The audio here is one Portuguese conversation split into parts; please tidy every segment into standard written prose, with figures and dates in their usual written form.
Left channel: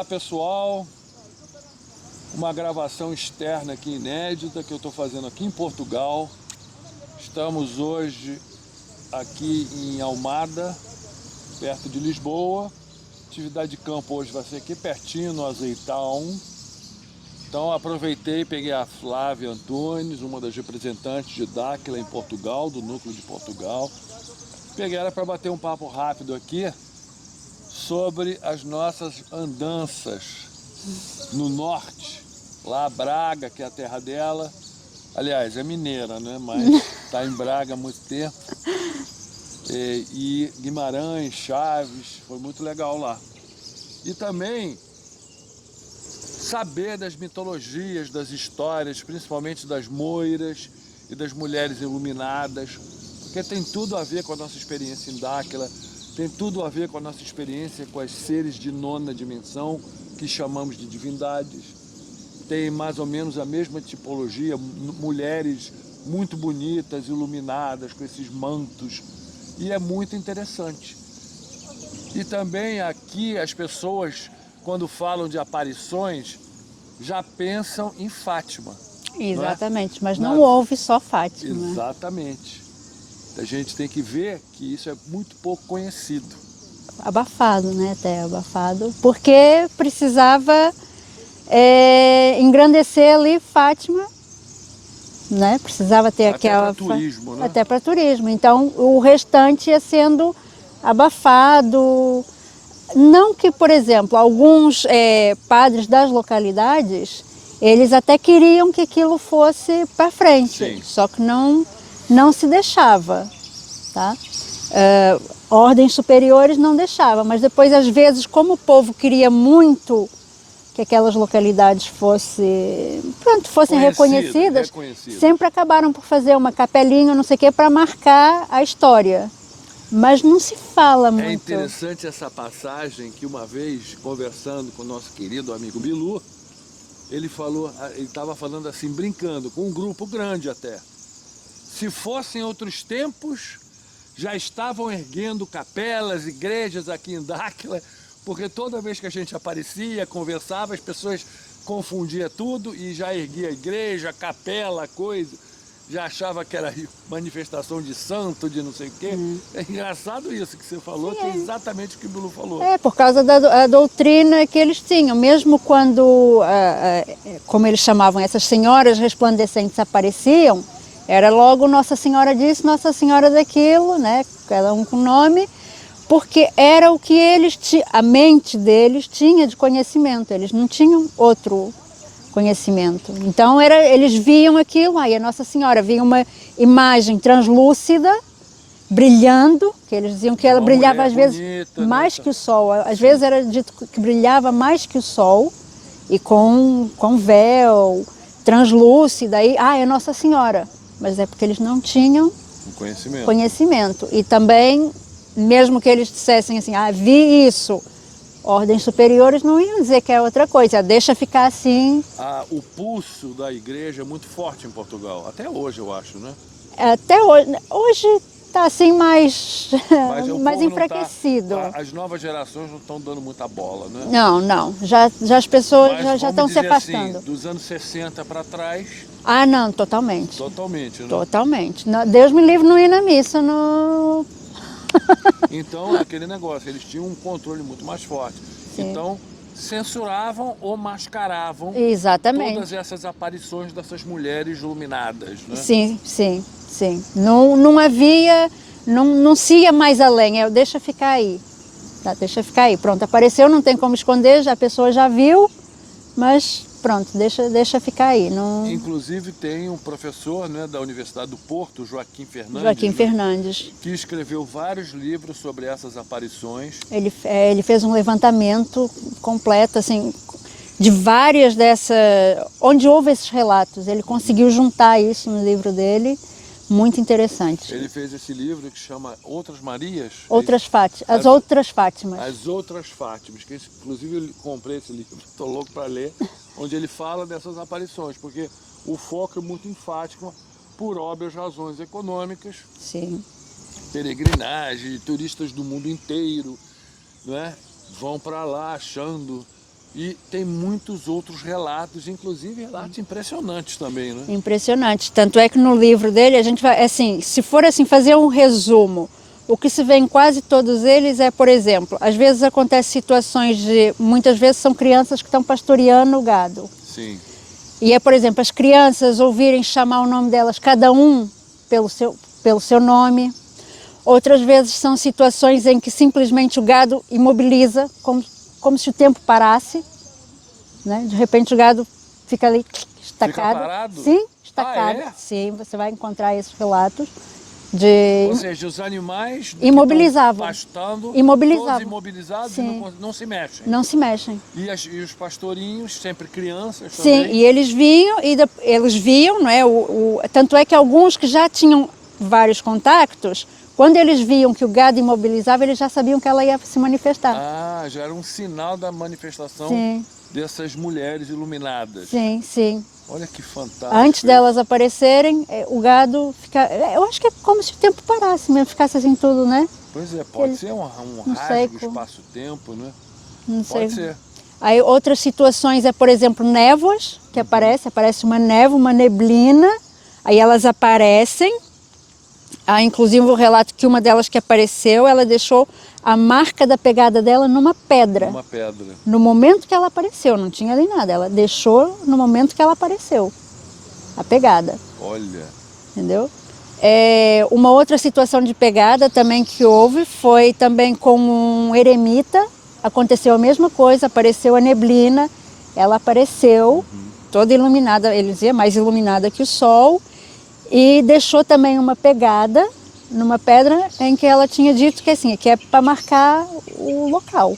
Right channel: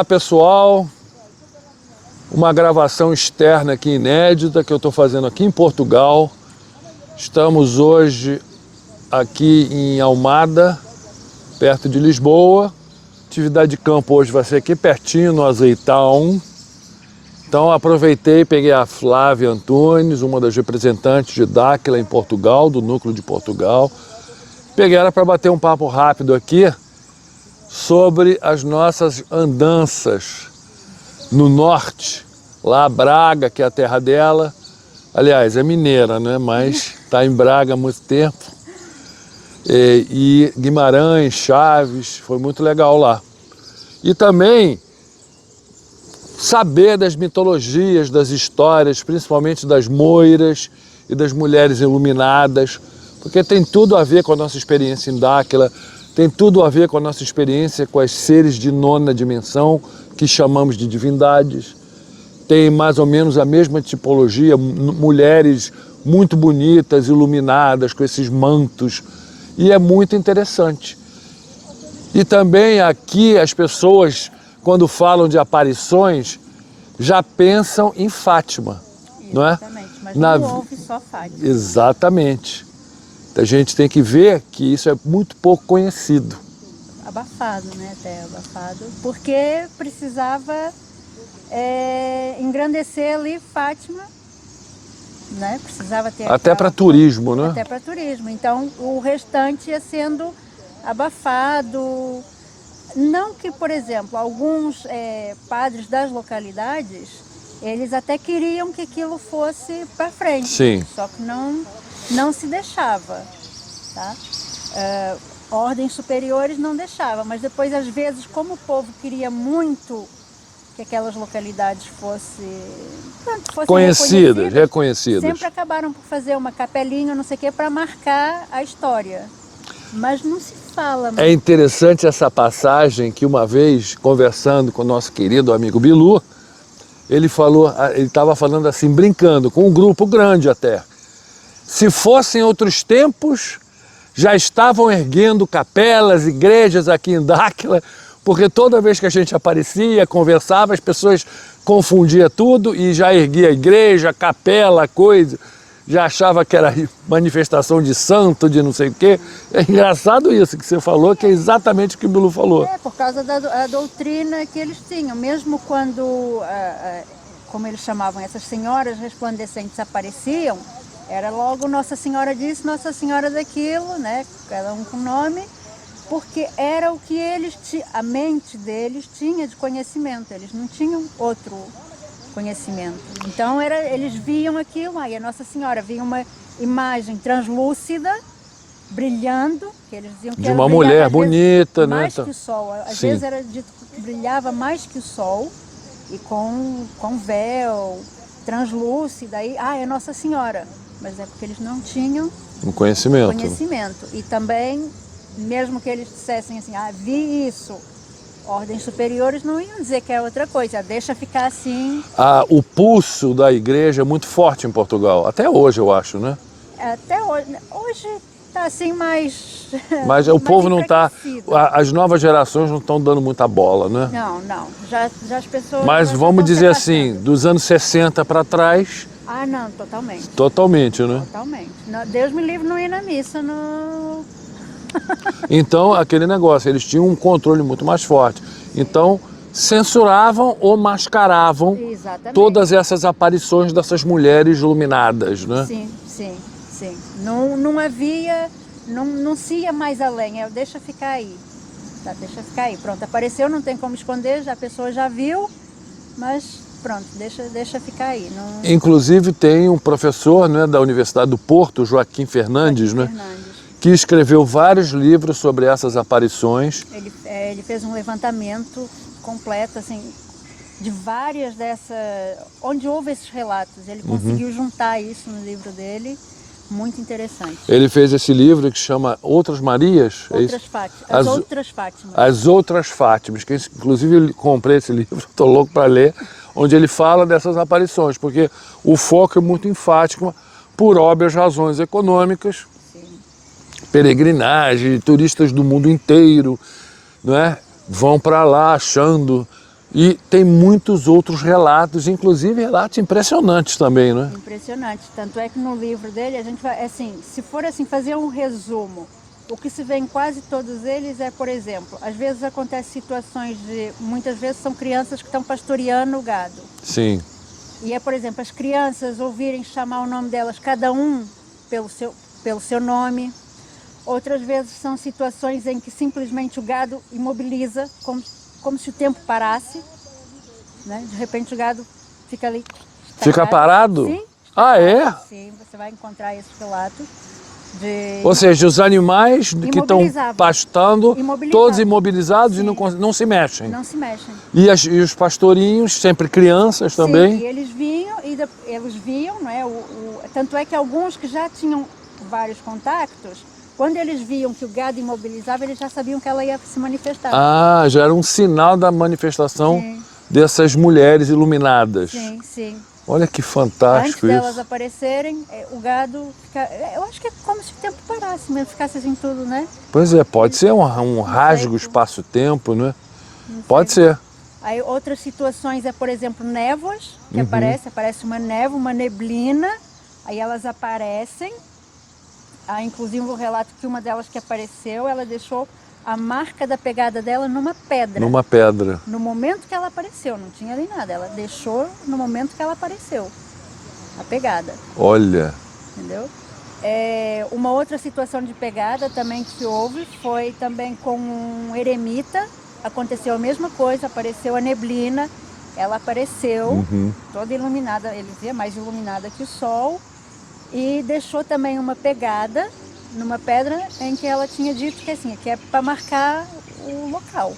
Olá pessoal, uma gravação externa aqui inédita que eu estou fazendo aqui em Portugal. Estamos hoje aqui em Almada, perto de Lisboa. Atividade de campo hoje vai ser aqui pertinho, no Azeitão. Então aproveitei e peguei a Flávia Antunes, uma das representantes de Dáquila em Portugal, do Núcleo de Portugal. Peguei ela para bater um papo rápido aqui sobre as nossas andanças no norte, lá Braga, que é a terra dela. Aliás, é mineira, né? Mas está em Braga há muito tempo. E Guimarães, Chaves, foi muito legal lá. E também saber das mitologias, das histórias, principalmente das moiras e das mulheres iluminadas, porque tem tudo a ver com a nossa experiência em Dáquila, tem tudo a ver com a nossa experiência com as seres de nona dimensão, que chamamos de divindades. Tem mais ou menos a mesma tipologia, mulheres muito bonitas, iluminadas, com esses mantos, e é muito interessante. E também aqui as pessoas, quando falam de aparições, já pensam em Fátima. Exatamente, não é? Mas não houve só Fátima. Exatamente. A gente tem que ver que isso é muito pouco conhecido. Abafado, né? Até abafado. Porque precisava engrandecer ali Fátima, né? Precisava ter até para turismo, né? Até para turismo. Então o restante ia sendo abafado. Não que, por exemplo, alguns padres das localidades, eles até queriam que aquilo fosse para frente. Sim. Só que não se deixava, tá? Ordens superiores não deixavam, mas depois, às vezes, como o povo queria muito que aquelas localidades fossem reconhecidas, sempre acabaram por fazer uma capelinha, não sei o quê, para marcar a história. Mas não se fala muito. É interessante essa passagem que uma vez, conversando com o nosso querido amigo Bilu, ele estava falando assim, brincando, com um grupo grande até. Se fossem outros tempos, já estavam erguendo capelas, igrejas aqui em Dáquila, porque toda vez que a gente aparecia, conversava, as pessoas confundiam tudo e já erguia igreja, capela, coisa, já achava que era manifestação de santo, de não sei o quê. É engraçado isso que você falou, que é exatamente o que o Bilu falou. Por causa da doutrina que eles tinham, mesmo quando, como eles chamavam, essas senhoras resplandecentes apareciam, era logo Nossa Senhora disso, Nossa Senhora daquilo, né? Cada um com nome, porque era o que a mente deles tinha de conhecimento, eles não tinham outro conhecimento. Então eles viam aquilo, aí a Nossa Senhora via uma imagem translúcida, brilhando, que eles diziam que ela brilhava às vezes mais que o sol, às vezes era dito que brilhava mais que o sol, e com véu, translúcida, aí, é Nossa Senhora. Mas é porque eles não tinham conhecimento. E também, mesmo que eles dissessem assim, vi isso, ordens superiores não iam dizer que é outra coisa, deixa ficar assim. O pulso da igreja é muito forte em Portugal, até hoje eu acho, né? Até hoje. Hoje está assim mais. Mas o povo não está. As novas gerações não estão dando muita bola, né? Não. Já as pessoas. Mas vamos dizer assim, afastando. dos anos 60 para trás. Não, totalmente. Totalmente, né? Totalmente. Deus me livre não ir na missa. Então, aquele negócio, eles tinham um controle muito mais forte. Sim. Então, censuravam ou mascaravam todas essas aparições dessas mulheres iluminadas, né? Sim. Não havia, não se ia mais além, deixa ficar aí. Tá, deixa ficar aí. Pronto, apareceu, não tem como esconder, a pessoa já viu, mas pronto, deixa ficar aí. Não... Inclusive tem um professor, né, da Universidade do Porto, Joaquim Fernandes, que escreveu vários livros sobre essas aparições. Ele fez um levantamento completo, assim, de várias dessas, onde houve esses relatos. Ele conseguiu juntar isso no livro dele. Muito interessante. Ele fez esse livro que chama Outras Marias? As Outras Fátimas. As Outras Fátimas, que inclusive eu comprei esse livro, estou louco para ler, onde ele fala dessas aparições, porque o foco é muito em Fátima, por óbvias razões econômicas. Sim. Peregrinagem, turistas do mundo inteiro, não é? Vão para lá achando E tem muitos outros relatos, inclusive relatos impressionantes também, né? Impressionante. Tanto é que no livro dele a gente vai, assim, se for assim fazer um resumo, o que se vê em quase todos eles é, por exemplo, às vezes acontecem situações de, muitas vezes são crianças que estão pastoreando o gado. Sim. E é, por exemplo, as crianças ouvirem chamar o nome delas, cada um pelo seu nome. Outras vezes são situações em que simplesmente o gado imobiliza, como se o tempo parasse, né? De repente o gado fica ali estacado. Fica parado? Sim, Ah, estacado. é? Sim, você vai encontrar esses relatos de... Ou seja, os animais que estão pastando, todos imobilizados e não se mexem. Não se mexem. E os pastorinhos, sempre crianças também? Sim, e eles viam, não é? Tanto é que alguns que já tinham vários contactos, quando eles viam que o gado imobilizava, eles já sabiam que ela ia se manifestar. Ah, já era um sinal da manifestação Sim. dessas mulheres iluminadas. Sim, sim. Olha que fantástico. Antes delas aparecerem, o gado fica... Eu acho que é como se o tempo parasse mesmo, ficasse assim tudo, né? Pois é, pode ser um rasgo sei, espaço-tempo, né? Não Pode sei. ser. Aí outras situações é, por exemplo, névoas, que aparece uma névoa, uma neblina, aí elas aparecem. Há inclusive o relato que uma delas que apareceu, ela deixou a marca da pegada dela numa pedra. Numa pedra. No momento que ela apareceu, não tinha nem nada, ela deixou no momento que ela apareceu, a pegada. Olha. Entendeu? Uma outra situação de pegada também que houve foi também com um eremita, aconteceu a mesma coisa, apareceu a neblina, ela apareceu toda iluminada, ele dizia, mais iluminada que o sol, e deixou também uma pegada numa pedra em que ela tinha dito que assim, que é para marcar o local.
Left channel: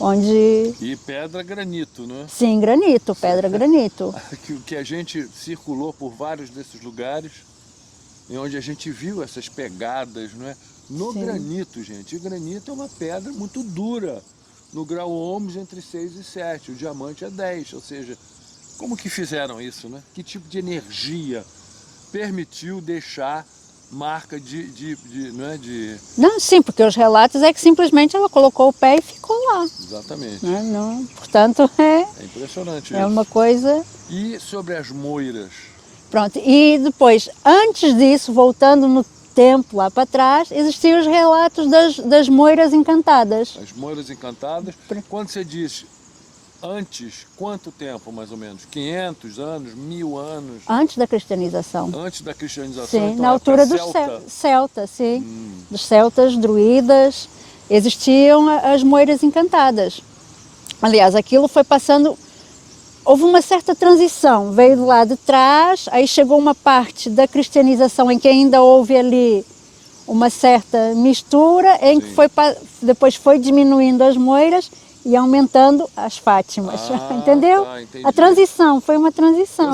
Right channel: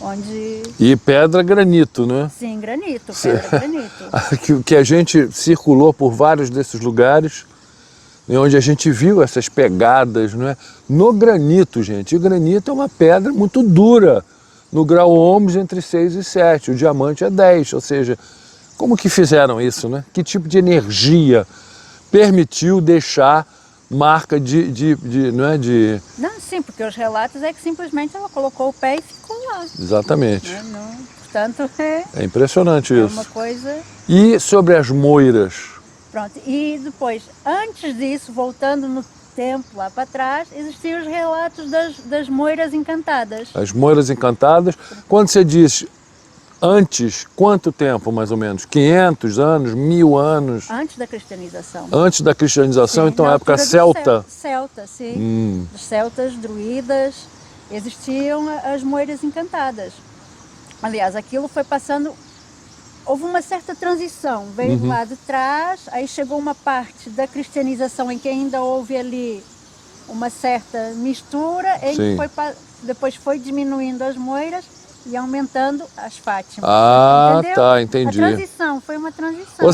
Onde... E pedra granito, né? Sim, granito, pedra granito. Que a gente circulou por vários desses lugares, onde a gente viu essas pegadas, não é? No granito, gente. E o granito é uma pedra muito dura, no grau ohms entre 6 e 7. O diamante é 10, ou seja, como que fizeram isso, né? Que tipo de energia permitiu deixar marca não é? Não, sim, porque os relatos é que simplesmente ela colocou o pé e ficou lá. Exatamente. Né? Não, portanto, é impressionante isso. É uma coisa... E sobre as moiras? Pronto, e depois, antes disso, voltando no tempo lá para trás, existiam os relatos das moiras encantadas. As moiras encantadas. Quando você diz antes, quanto tempo mais ou menos? 500 anos, 1000 anos? Antes da cristianização. Antes da cristianização, sim, então na época celta? Celta, sim. Dos celtas, druidas, existiam as moiras encantadas. Aliás, aquilo foi passando... Houve uma certa transição, veio do lado de trás, aí chegou uma parte da cristianização em que ainda houve ali uma certa mistura, em que depois foi diminuindo as moiras e aumentando as Fátimas. Entendeu? Tá, entendi. A transição, foi uma transição.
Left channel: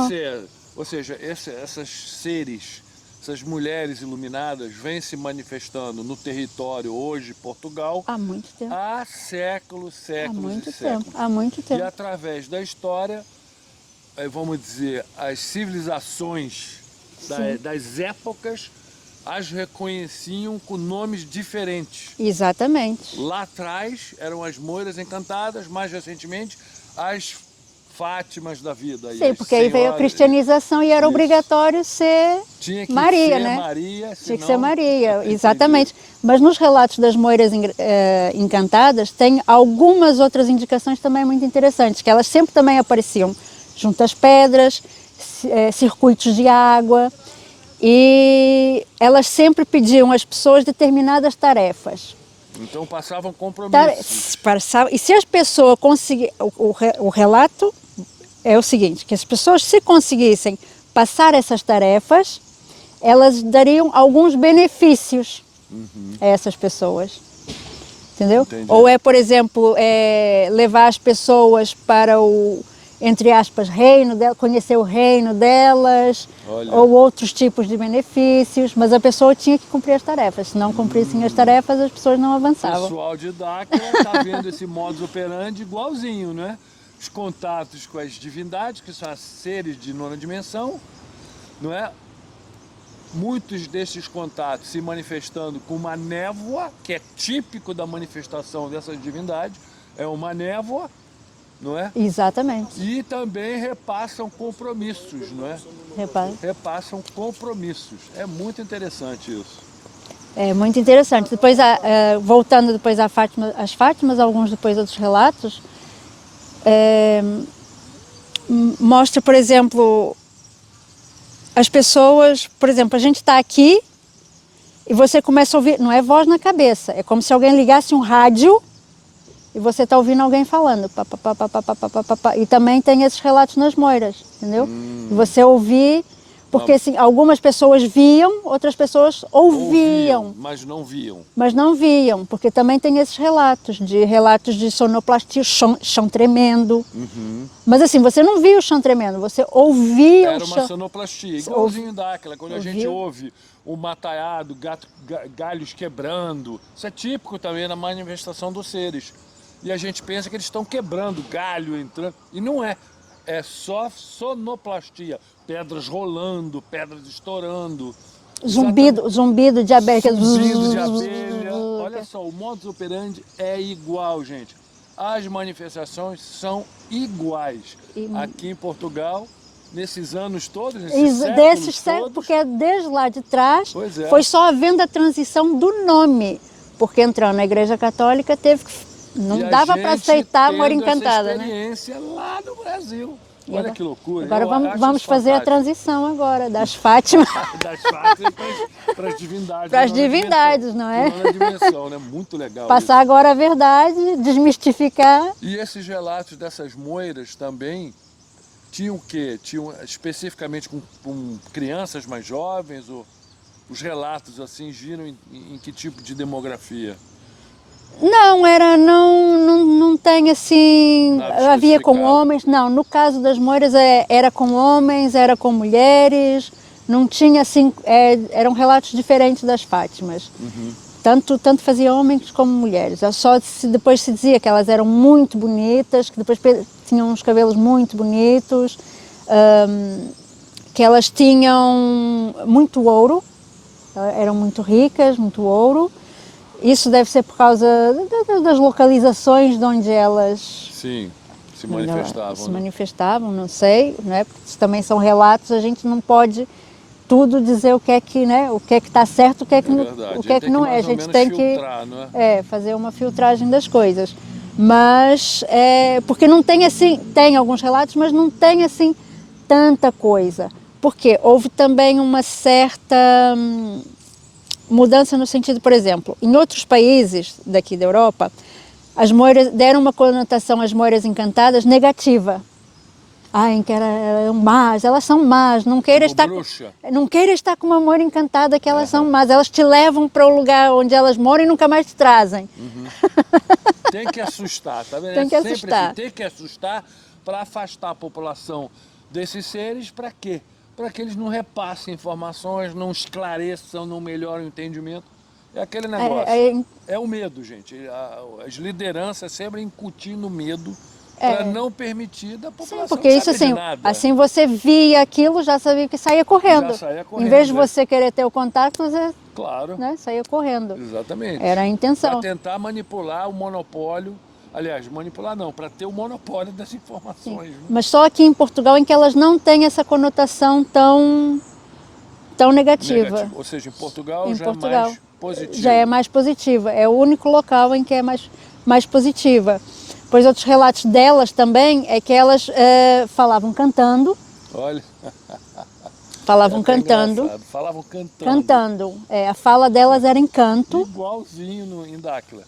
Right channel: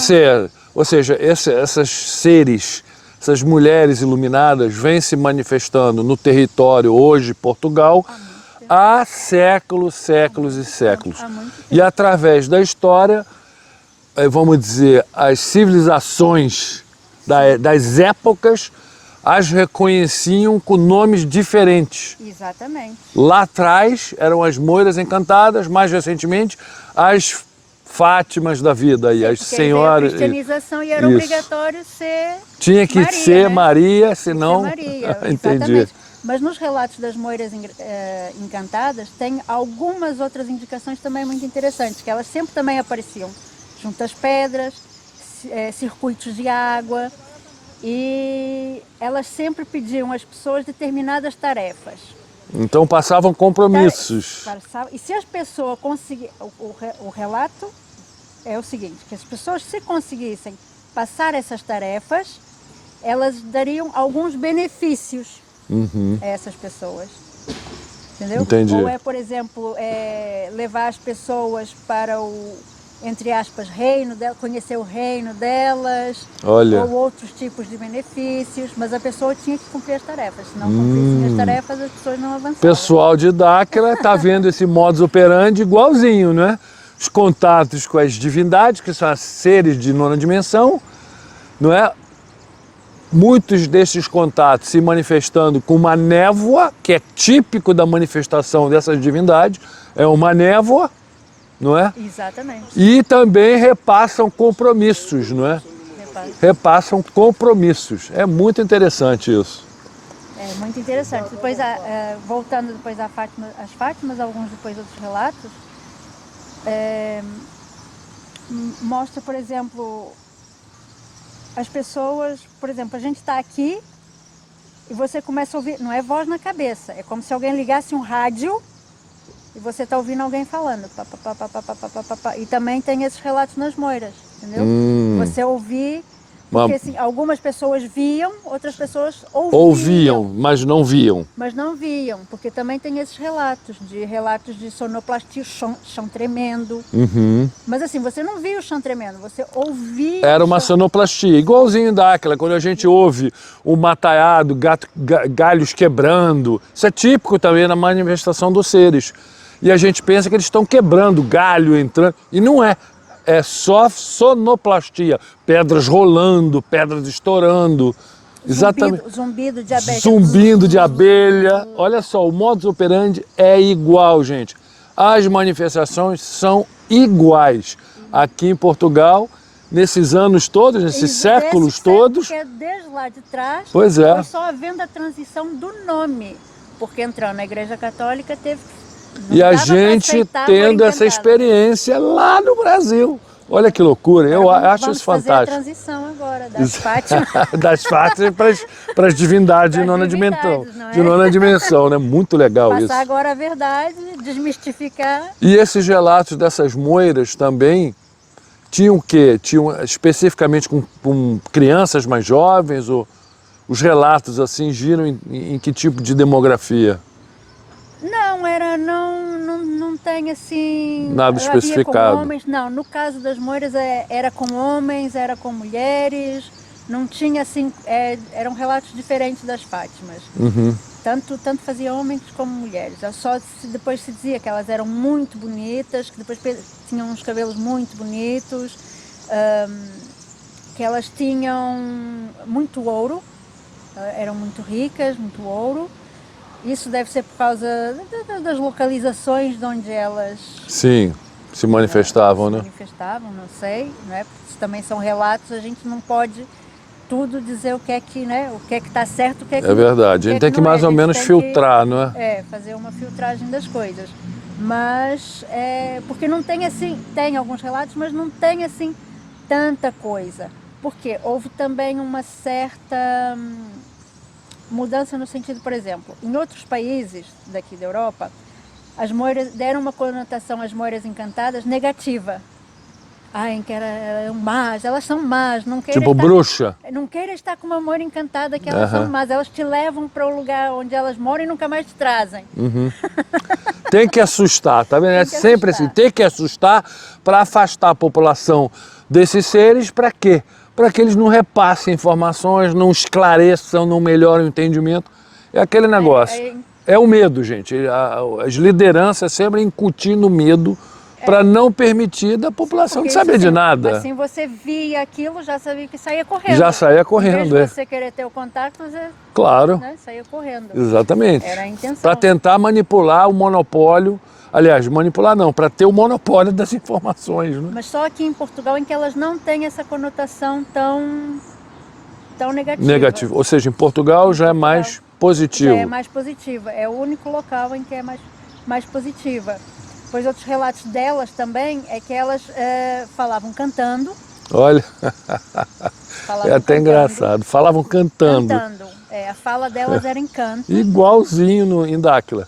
Ou seja, essas seres, essas mulheres iluminadas vêm se manifestando no território hoje, Portugal, há séculos e séculos. Há muito tempo. E através da história, vamos dizer, as civilizações das épocas as reconheciam com nomes diferentes. Exatamente. Lá atrás eram as moiras encantadas, mais recentemente as Fátimas da vida, aí, as porque senhoras. Veio a cristianização e era obrigatório ser Tinha que Maria, ser né? Maria, senão... Tinha que ser Maria, exatamente. Mas nos relatos das moiras encantadas tem algumas outras indicações também muito interessantes, que elas sempre também apareciam junto às pedras, circuitos de água, e elas sempre pediam às pessoas determinadas tarefas. Então passavam compromissos. E se as pessoas conseguissem... O relato é o seguinte, que as pessoas, se conseguissem passar essas tarefas, elas dariam alguns benefícios a essas pessoas. Entendeu? Entendi. Ou por exemplo, levar as pessoas para o, entre aspas, reino dela, conhecer o reino delas, Olha. ou outros tipos de benefícios, mas a pessoa tinha que cumprir as tarefas. Se não cumprissem as tarefas, as pessoas não avançavam. Pessoal de Dáquila está vendo esse modus operandi igualzinho, né? Os contatos com as divindades, que são seres de nona dimensão, não é? Muitos desses contatos se manifestando com uma névoa, que é típico da manifestação dessas divindades, é uma névoa, não é? Exatamente. E também repassam compromissos, não é? Repara. Repassam compromissos. É muito interessante isso. É muito interessante. Depois, voltando depois às Fátimas, alguns depois outros relatos, mostra, por exemplo, as pessoas, por exemplo, a gente está aqui e você começa a ouvir, não é voz na cabeça, é como se alguém ligasse um rádio e você está ouvindo alguém falando. Pá, pá, pá, pá, pá, pá, pá, pá, pá. E também tem esses relatos nas moiras, entendeu? Você ouvir, porque assim, algumas pessoas viam, outras pessoas ouviam. Mas não viam. Mas não viam, porque também tem esses relatos de sonoplastia, chão tremendo. Mas assim, você não via o chão tremendo, você ouvia. Era uma sonoplastia, igualzinho daquela, quando a gente ouve o mataiado, galhos quebrando. Isso é típico também na manifestação dos seres. E a gente pensa que eles estão quebrando, galho entrando, e não é. É só sonoplastia, pedras rolando, pedras estourando. Zumbido de abelha. Zumbido de abelha. Olha só, o modus operandi é igual, gente. As manifestações são iguais. Aqui em Portugal, nesses anos todos, nesses séculos todos. Porque desde lá de trás, pois é. Foi só havendo a transição do nome. Porque entrando na Igreja Católica teve que... Não e a dava gente tendo essa experiência lá no Brasil. Olha que loucura, eu acho isso fantástico. Vamos fazer a transição agora das Fátimas. Das Fátimas para as divindades de nona dimensão. Não é? De nona dimensão, né? Muito legal isso. Passar agora a verdade, desmistificar. E esses relatos dessas moiras também tinham o quê? Tinham especificamente com crianças mais jovens? Ou os relatos assim giram em que tipo de demografia? Não tem assim... Nada havia com especificado. homens, não, no caso das moiras era com homens, era com mulheres, não tinha assim, eram relatos diferentes das Fátimas. Tanto fazia homens como mulheres, depois se dizia que elas eram muito bonitas, que depois tinham uns cabelos muito bonitos, que elas tinham muito ouro, eram muito ricas, muito ouro. Isso deve ser por causa das localizações de onde elas... Sim, se manifestavam, né? Se manifestavam, não sei, né? Porque também são relatos, a gente não pode tudo dizer o que é que, né? O que é que está certo, o que é que não é. É verdade, a gente tem que mais ou menos filtrar, não é? Fazer uma filtragem das coisas. Mas, porque não tem assim, tem alguns relatos, mas não tem assim tanta coisa. Porque houve também uma certa... mudança no sentido, por exemplo, em outros países daqui da Europa, as moiras deram uma conotação às moiras encantadas negativa. Que eram más, elas são más, não queira tipo bruxa. Não queira estar com uma moira encantada que elas são más, elas te levam para o lugar onde elas moram e nunca mais te trazem. Tem que assustar, tá vendo? É sempre assim, tem que assustar para afastar a população desses seres, para quê? Para que eles não repassem informações, não esclareçam, não melhorem o entendimento. É aquele negócio. É o medo, gente. As lideranças sempre incutindo medo para não permitir da população que saber de nada. Assim você via aquilo, já sabia que saía correndo. Já saía correndo. Em vez de você querer ter o contato, você saía correndo. Exatamente. Era a intenção. Para tentar manipular o monopólio. Aliás, manipular não, para ter o monopólio das informações. Né? Mas só aqui em Portugal em que elas não têm essa conotação tão negativa. Ou seja, em Portugal já é mais positivo. Já é mais positiva. É o único local em que é mais positiva. Pois outros relatos delas também é que elas falavam cantando. Olha, falavam até cantando. Engraçado. Falavam cantando. A fala delas era em canto. Igualzinho em Dáquila.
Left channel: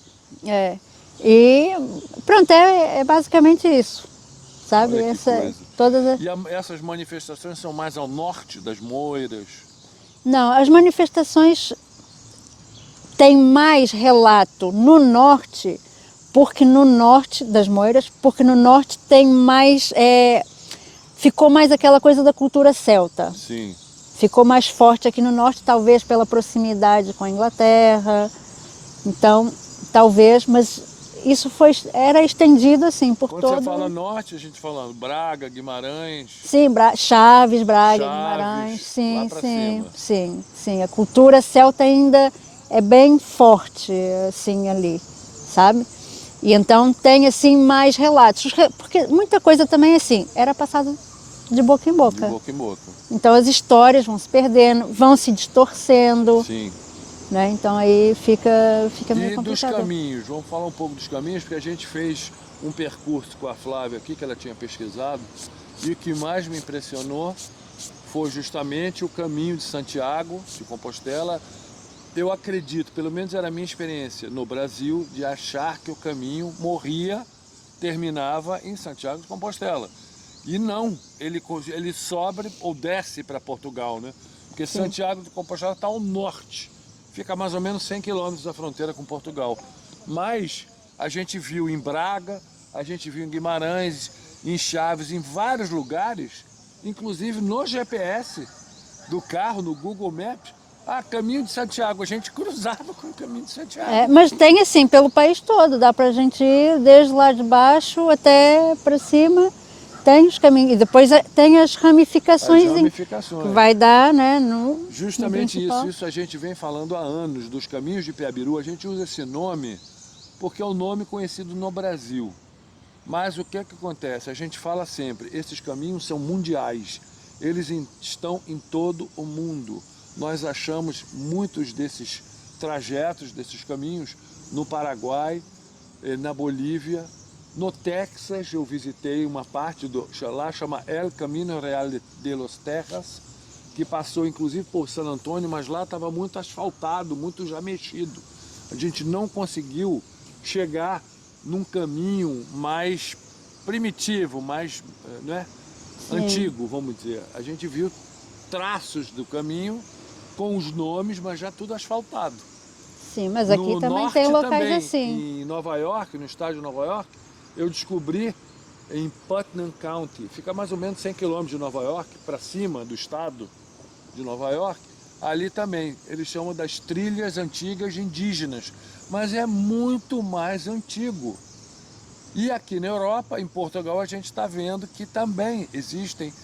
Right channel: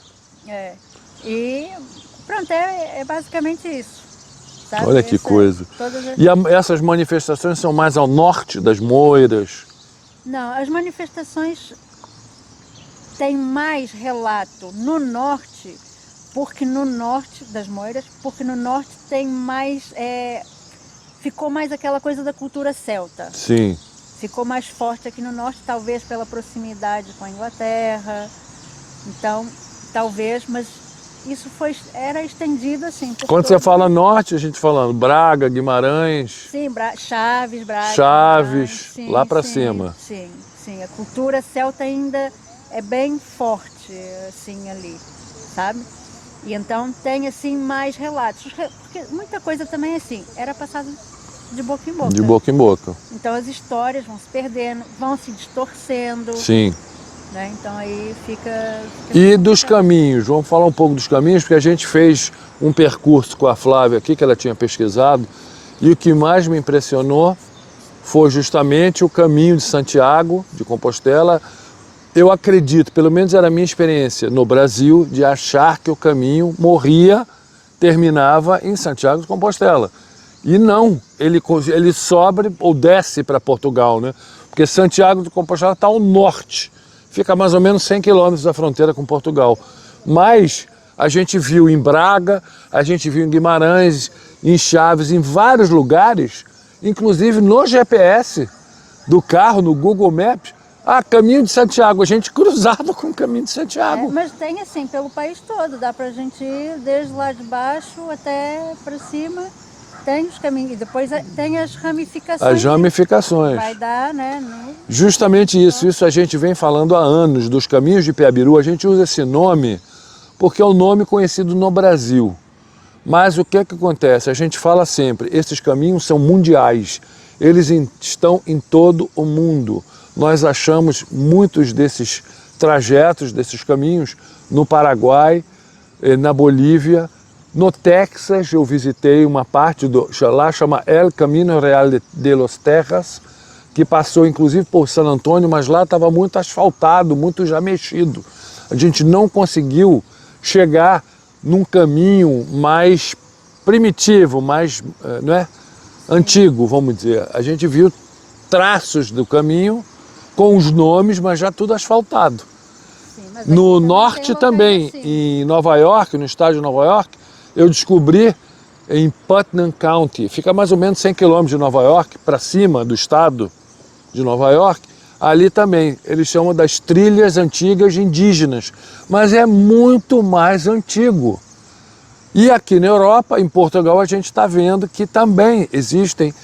E pronto, é basicamente isso, sabe? Olha que coisa. E essas manifestações são mais ao norte das moiras? Não, as manifestações têm mais relato no norte, porque no norte das moiras, porque no norte tem mais, ficou mais aquela coisa da cultura celta. Sim. Ficou mais forte aqui no norte, talvez pela proximidade com a Inglaterra, então, talvez, mas... Isso era estendido assim por Quando você fala norte, a gente falando Braga, Guimarães... Sim, Chaves, Braga, Chaves, sim, lá para cima. Sim. A cultura celta ainda é bem forte, assim, ali, sabe? E então tem assim mais relatos, porque muita coisa também assim, era passada de boca em boca. De boca em boca. Então as histórias vão se perdendo, vão se distorcendo. Sim. Né? Então aí fica E dos caminhos, vamos falar um pouco dos caminhos, porque a gente fez um percurso com a Flávia aqui, que ela tinha pesquisado, e o que mais me impressionou foi justamente o caminho de Santiago, de Compostela. Eu acredito, pelo menos era a minha experiência no Brasil, de achar que o caminho morria, terminava em Santiago de Compostela. E não, ele sobe ou desce para Portugal, né? Porque Santiago de Compostela está ao norte, fica a mais ou menos 100 quilômetros da fronteira com Portugal. Mas a gente viu em Braga, a gente viu em Guimarães, em Chaves, em vários lugares, inclusive no GPS do carro, no Google Maps, caminho de Santiago, a gente cruzava com o caminho de Santiago. Mas tem assim, pelo país todo, dá pra gente ir desde lá de baixo até para cima, tem os caminhos, e depois tem as ramificações. As ramificações. Vai dar, né? Justamente isso a gente vem falando há anos, dos caminhos de Piabiru, a gente usa esse nome porque é um nome conhecido no Brasil. Mas o que acontece? A gente fala sempre, esses caminhos são mundiais, eles estão em todo o mundo. Nós achamos muitos desses trajetos, desses caminhos, no Paraguai, na Bolívia, no Texas. Eu visitei uma parte lá, chama El Camino Real de los Tejas, que passou inclusive por San Antônio, mas lá estava muito asfaltado, muito já mexido. A gente não conseguiu chegar num caminho mais primitivo, mais antigo, vamos dizer. A gente viu traços do caminho com os nomes, mas já tudo asfaltado. Sim, mas aqui no também norte também, assim. em Nova York, no estado de Nova York, eu descobri em Putnam County, fica mais ou menos 100 quilômetros de Nova York, para cima do estado de Nova York, ali também, eles chamam das trilhas antigas indígenas, mas é muito mais antigo. E aqui na Europa, em Portugal, a gente está vendo que também existem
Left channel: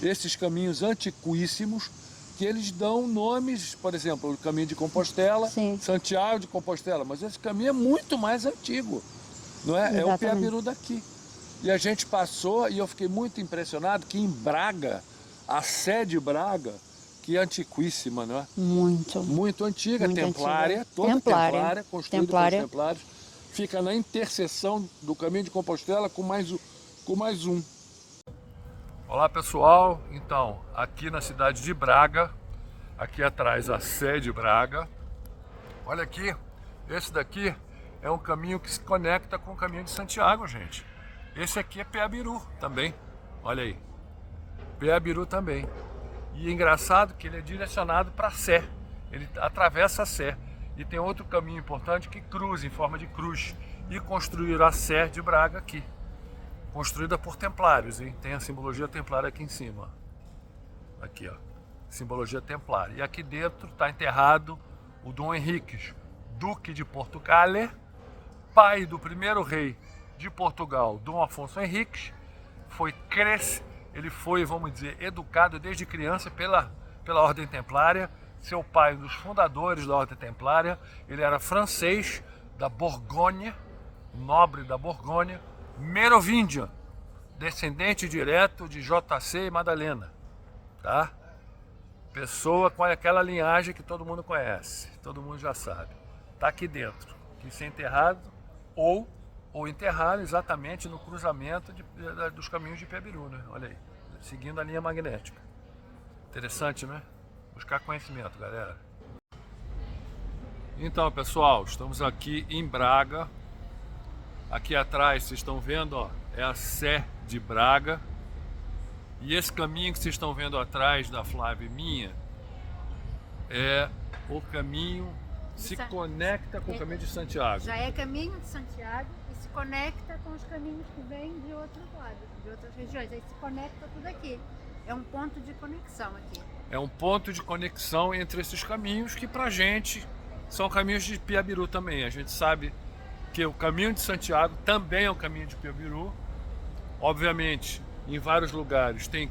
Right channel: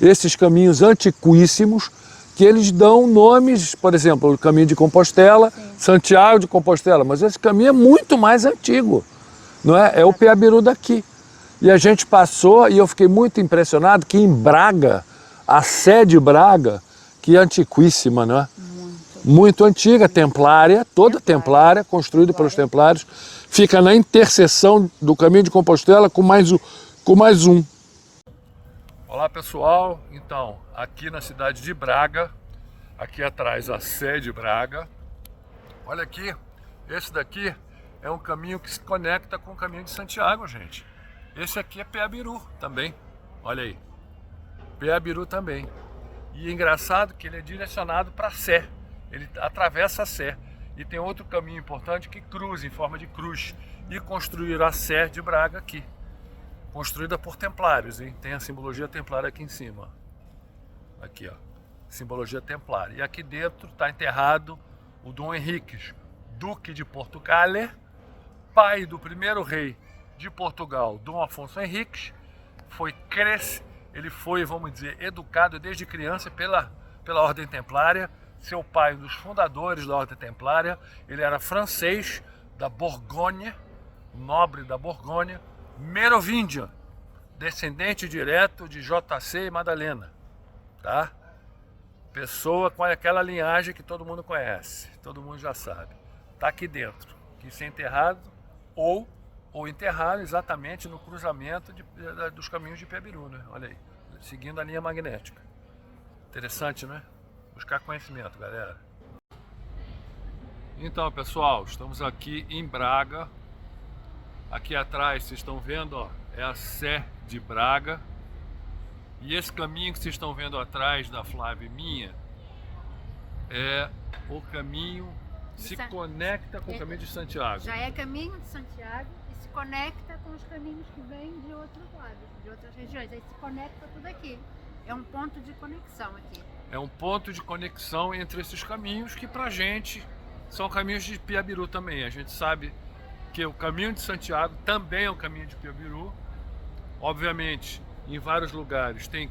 esses caminhos antiquíssimos, que eles dão nomes, por exemplo, o caminho de Compostela, Sim. Santiago de Compostela, mas esse caminho é muito mais antigo, não é? É o Piabiru daqui. E a gente passou, e eu fiquei muito impressionado que em Braga, a Sé de Braga, que é antiquíssima, não é? Muito antiga, muito templária, antiga. Toda templária, construída pelos templários, fica na interseção do caminho de Compostela com mais um. Olá pessoal, então, aqui na cidade de Braga, aqui atrás a Sé de Braga. Olha aqui, esse daqui é um caminho que se conecta com o caminho de Santiago, gente. Esse aqui é Piabiru também, olha aí, Piabiru também. E é engraçado que ele é direcionado para a Sé, ele atravessa a Sé. E tem outro caminho importante que cruza em forma de cruz. E construíram a Sé de Braga aqui. Construída por templários, hein? Tem a simbologia templária aqui em cima. Aqui, ó. Simbologia templária. E aqui dentro está enterrado o Dom Henriques, Duque de Portugal, pai do primeiro rei de Portugal, Dom Afonso Henriques. Ele foi, vamos dizer, educado desde criança pela Ordem Templária. Seu pai, um dos fundadores da Ordem Templária, ele era francês, da Borgonha, nobre da Borgonha, merovíngia, descendente direto de JC e Madalena, tá? Pessoa com aquela linhagem que todo mundo conhece, todo mundo já sabe. Tá aqui dentro, quis ser enterrado ou enterrado exatamente no cruzamento dos caminhos de Piabiru, né? Olha aí, seguindo a linha magnética. Interessante, né? Buscar conhecimento, galera. Então, pessoal, estamos aqui em Braga. Aqui atrás, vocês estão vendo, ó, é a Sé de Braga. E esse caminho que vocês estão vendo atrás da Flávia e minha é o caminho se conecta com o caminho de Santiago. Já é caminho de Santiago e se conecta com os caminhos que vêm de outros lados, de outras regiões. Aí se conecta tudo aqui. É um ponto de conexão aqui. É um ponto de conexão entre esses caminhos que pra gente são caminhos de Piabiru também. A gente sabe que o caminho de Santiago também é um caminho de Piabiru. Obviamente, em vários lugares tem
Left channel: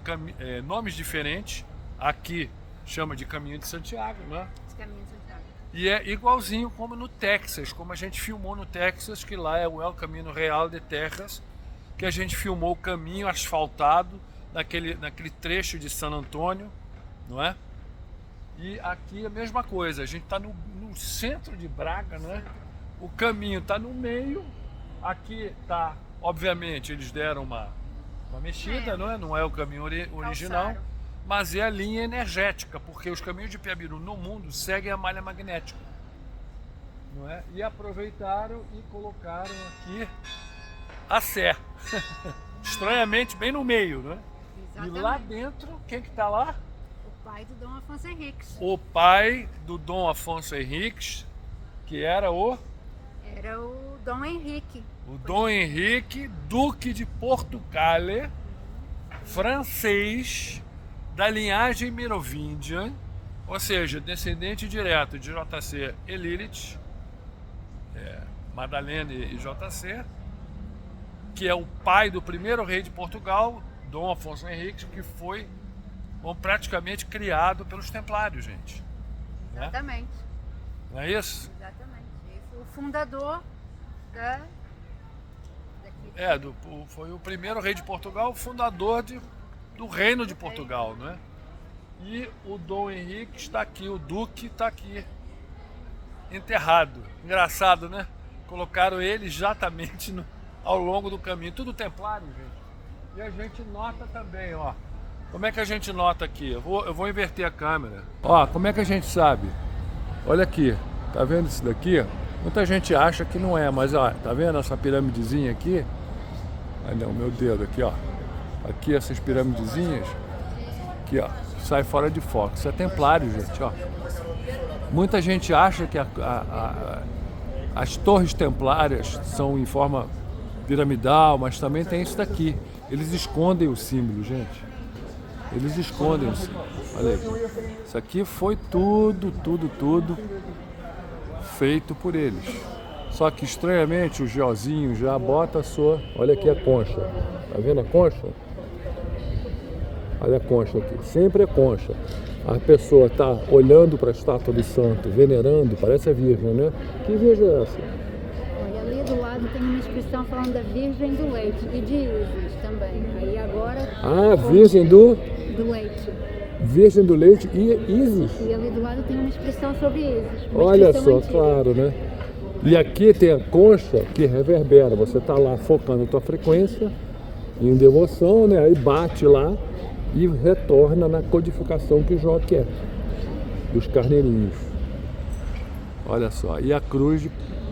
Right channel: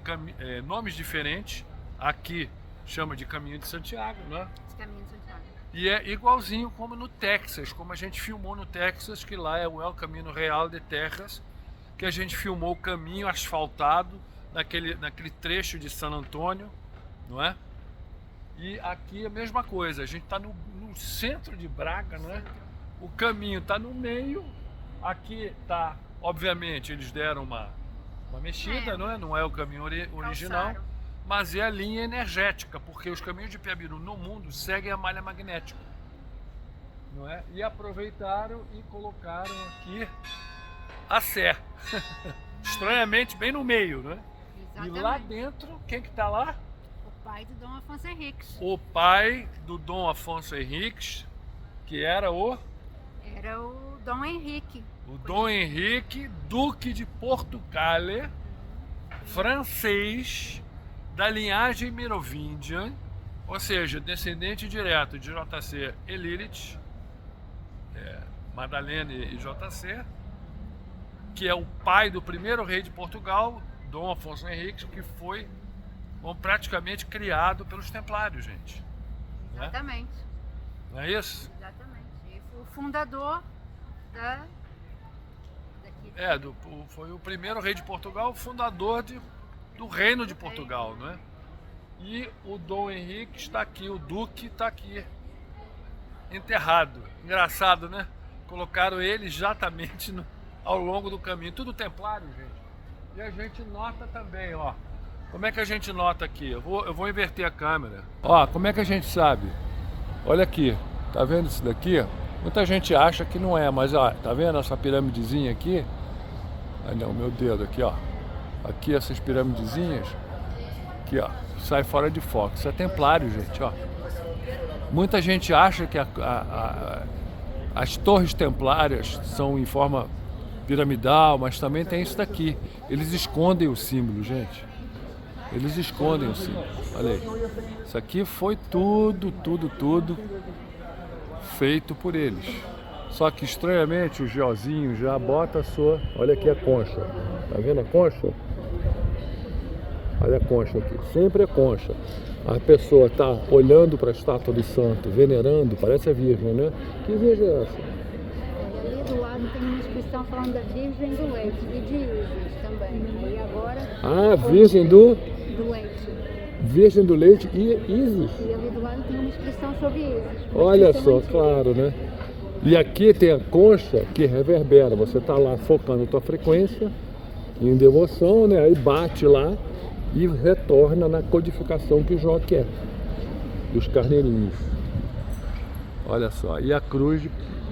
nomes diferentes. Aqui chama de caminho de Santiago, né? Caminho de Santiago. E é igualzinho como no Texas, como a gente filmou no Texas, que lá é o El Camino Real de Texas, que a gente filmou o caminho asfaltado naquele trecho de San Antônio, não é? E aqui é a mesma coisa, a gente está no centro de Braga, não é? O caminho está no meio, aqui está, obviamente, eles deram uma mexida, não é o caminho original, Calçaram. mas é a linha energética, porque os caminhos de Piabiru no mundo seguem a malha magnética, não é? E aproveitaram e colocaram aqui a Sé, estranhamente bem no meio, né? E lá dentro, quem que está lá? O pai do Dom Afonso Henriques. O pai do Dom Afonso Henriques, que era o Dom Henrique. O Dom Henrique, Duque de Portugal, francês, da linhagem merovingia, ou seja, descendente direto de JC e Lilith, Madalena e JC, que é o pai do primeiro rei de Portugal, Dom Afonso Henriques, que foi praticamente criado pelos Templários, gente. Exatamente. Não é isso? Exatamente. Ele foi o fundador daqui. Foi o primeiro rei de Portugal, fundador do reino de Portugal, não é? E o Dom Henrique está aqui, o Duque está aqui, enterrado. Engraçado, né? Colocaram ele exatamente ao longo do caminho. Tudo templário, gente. E a gente nota também, ó. Como é que a gente nota aqui? Eu vou inverter a câmera. Ó, como é que a gente sabe? Olha aqui, tá vendo isso daqui? Muita gente acha que não é, mas ó, tá vendo essa piramidezinha aqui? Ah não, meu dedo aqui, ó. Aqui essas piramidezinhas, aqui ó, sai fora de foco. Isso é templário, gente, ó. Muita gente acha que as torres templárias são em forma piramidal, mas também tem isso daqui. Eles escondem o símbolo, gente. Eles escondem o símbolo. Olha aí. Isso aqui foi tudo feito por eles. Só que estranhamente o geozinho já bota a sua... Olha aqui a concha. Tá vendo a concha? Olha a concha aqui. Sempre é concha. A pessoa está olhando para a estátua do santo, venerando, parece a Virgem, né? Que Virgem é essa? E ali do lado tem uma inscrição falando da Virgem do Leite e de Isis também. Aí agora... Ah, Virgem do Leite. Virgem do Leite e Isis. E ali do lado tem uma inscrição sobre Isis. Olha só, claro, né? E aqui tem a concha que reverbera. Você está lá focando a tua frequência em devoção, né? Aí bate lá e retorna na codificação que o Jó quer, dos carneirinhos. Olha só. E a cruz,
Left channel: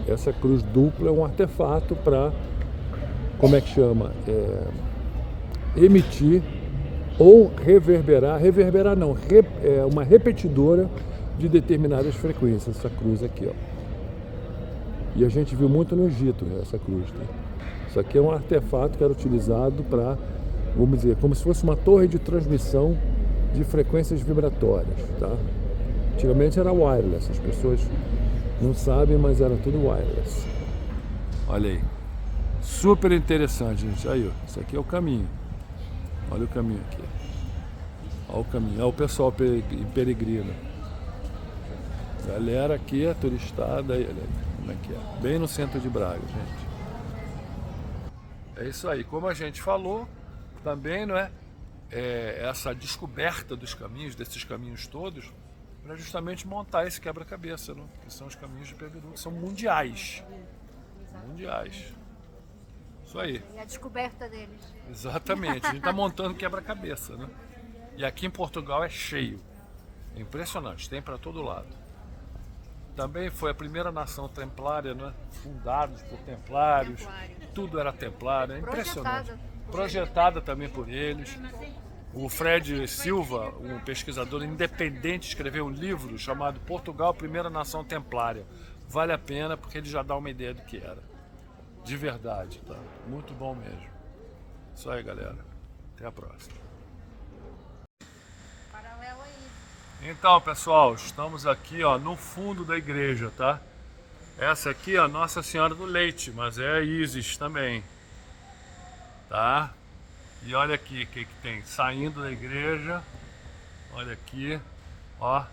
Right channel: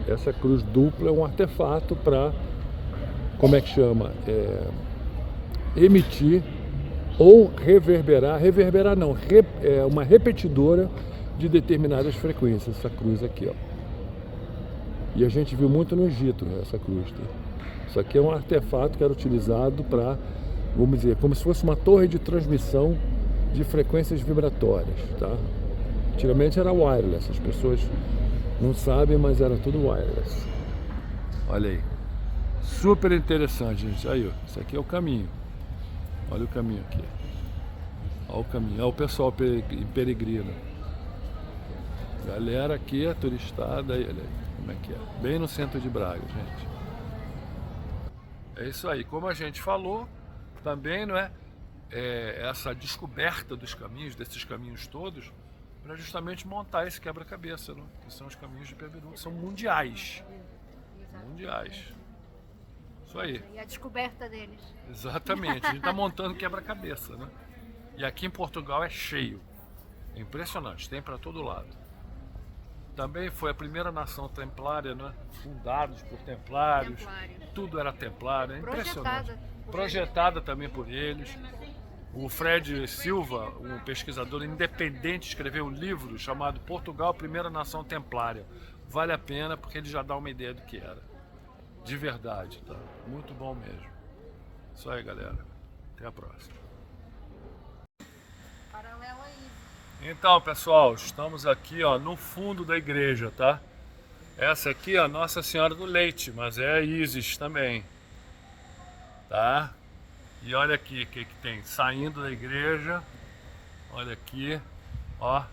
essa cruz dupla é um artefato para, como é que chama? Emitir ou reverberar não, é uma repetidora de determinadas frequências, essa cruz aqui, ó. E a gente viu muito no Egito, né, essa cruz. Tá? Isso aqui é um artefato que era utilizado para, vamos dizer, como se fosse uma torre de transmissão de frequências vibratórias, tá? Antigamente era wireless, as pessoas não sabem, mas era tudo wireless. Olha aí. Super interessante, gente. Aí, ó, isso aqui é o caminho. Olha o caminho aqui. Olha o caminho. Olha o pessoal peregrino. Galera aqui, a turistada, aí, olha aí como é que é. Bem no centro de Braga, gente. É isso aí. Como a gente falou, também, não é? Essa descoberta dos caminhos, desses caminhos todos, para justamente montar esse quebra-cabeça, né? Que são os caminhos de Piabiru, que são mundiais. Mundiais. Isso aí. E a descoberta deles. Exatamente. A gente está montando quebra-cabeça, né? E aqui em Portugal é cheio. É impressionante, tem para todo lado. Também foi a primeira nação templária, né? Fundados por templários. Tudo era templário, é impressionante. Projetada também por eles. O Fred Silva, um pesquisador independente, escreveu um livro chamado Portugal, Primeira Nação Templária. Vale a pena porque ele já dá uma ideia do que era. De verdade, tá? Muito bom mesmo. Isso aí, galera. Até a próxima. Paralelo aí. Então, pessoal, estamos aqui, ó, no fundo da igreja, tá? Essa aqui é a Nossa Senhora do Leite, mas é a Isis também, tá? E olha aqui o que tem, saindo da igreja, olha aqui, ó.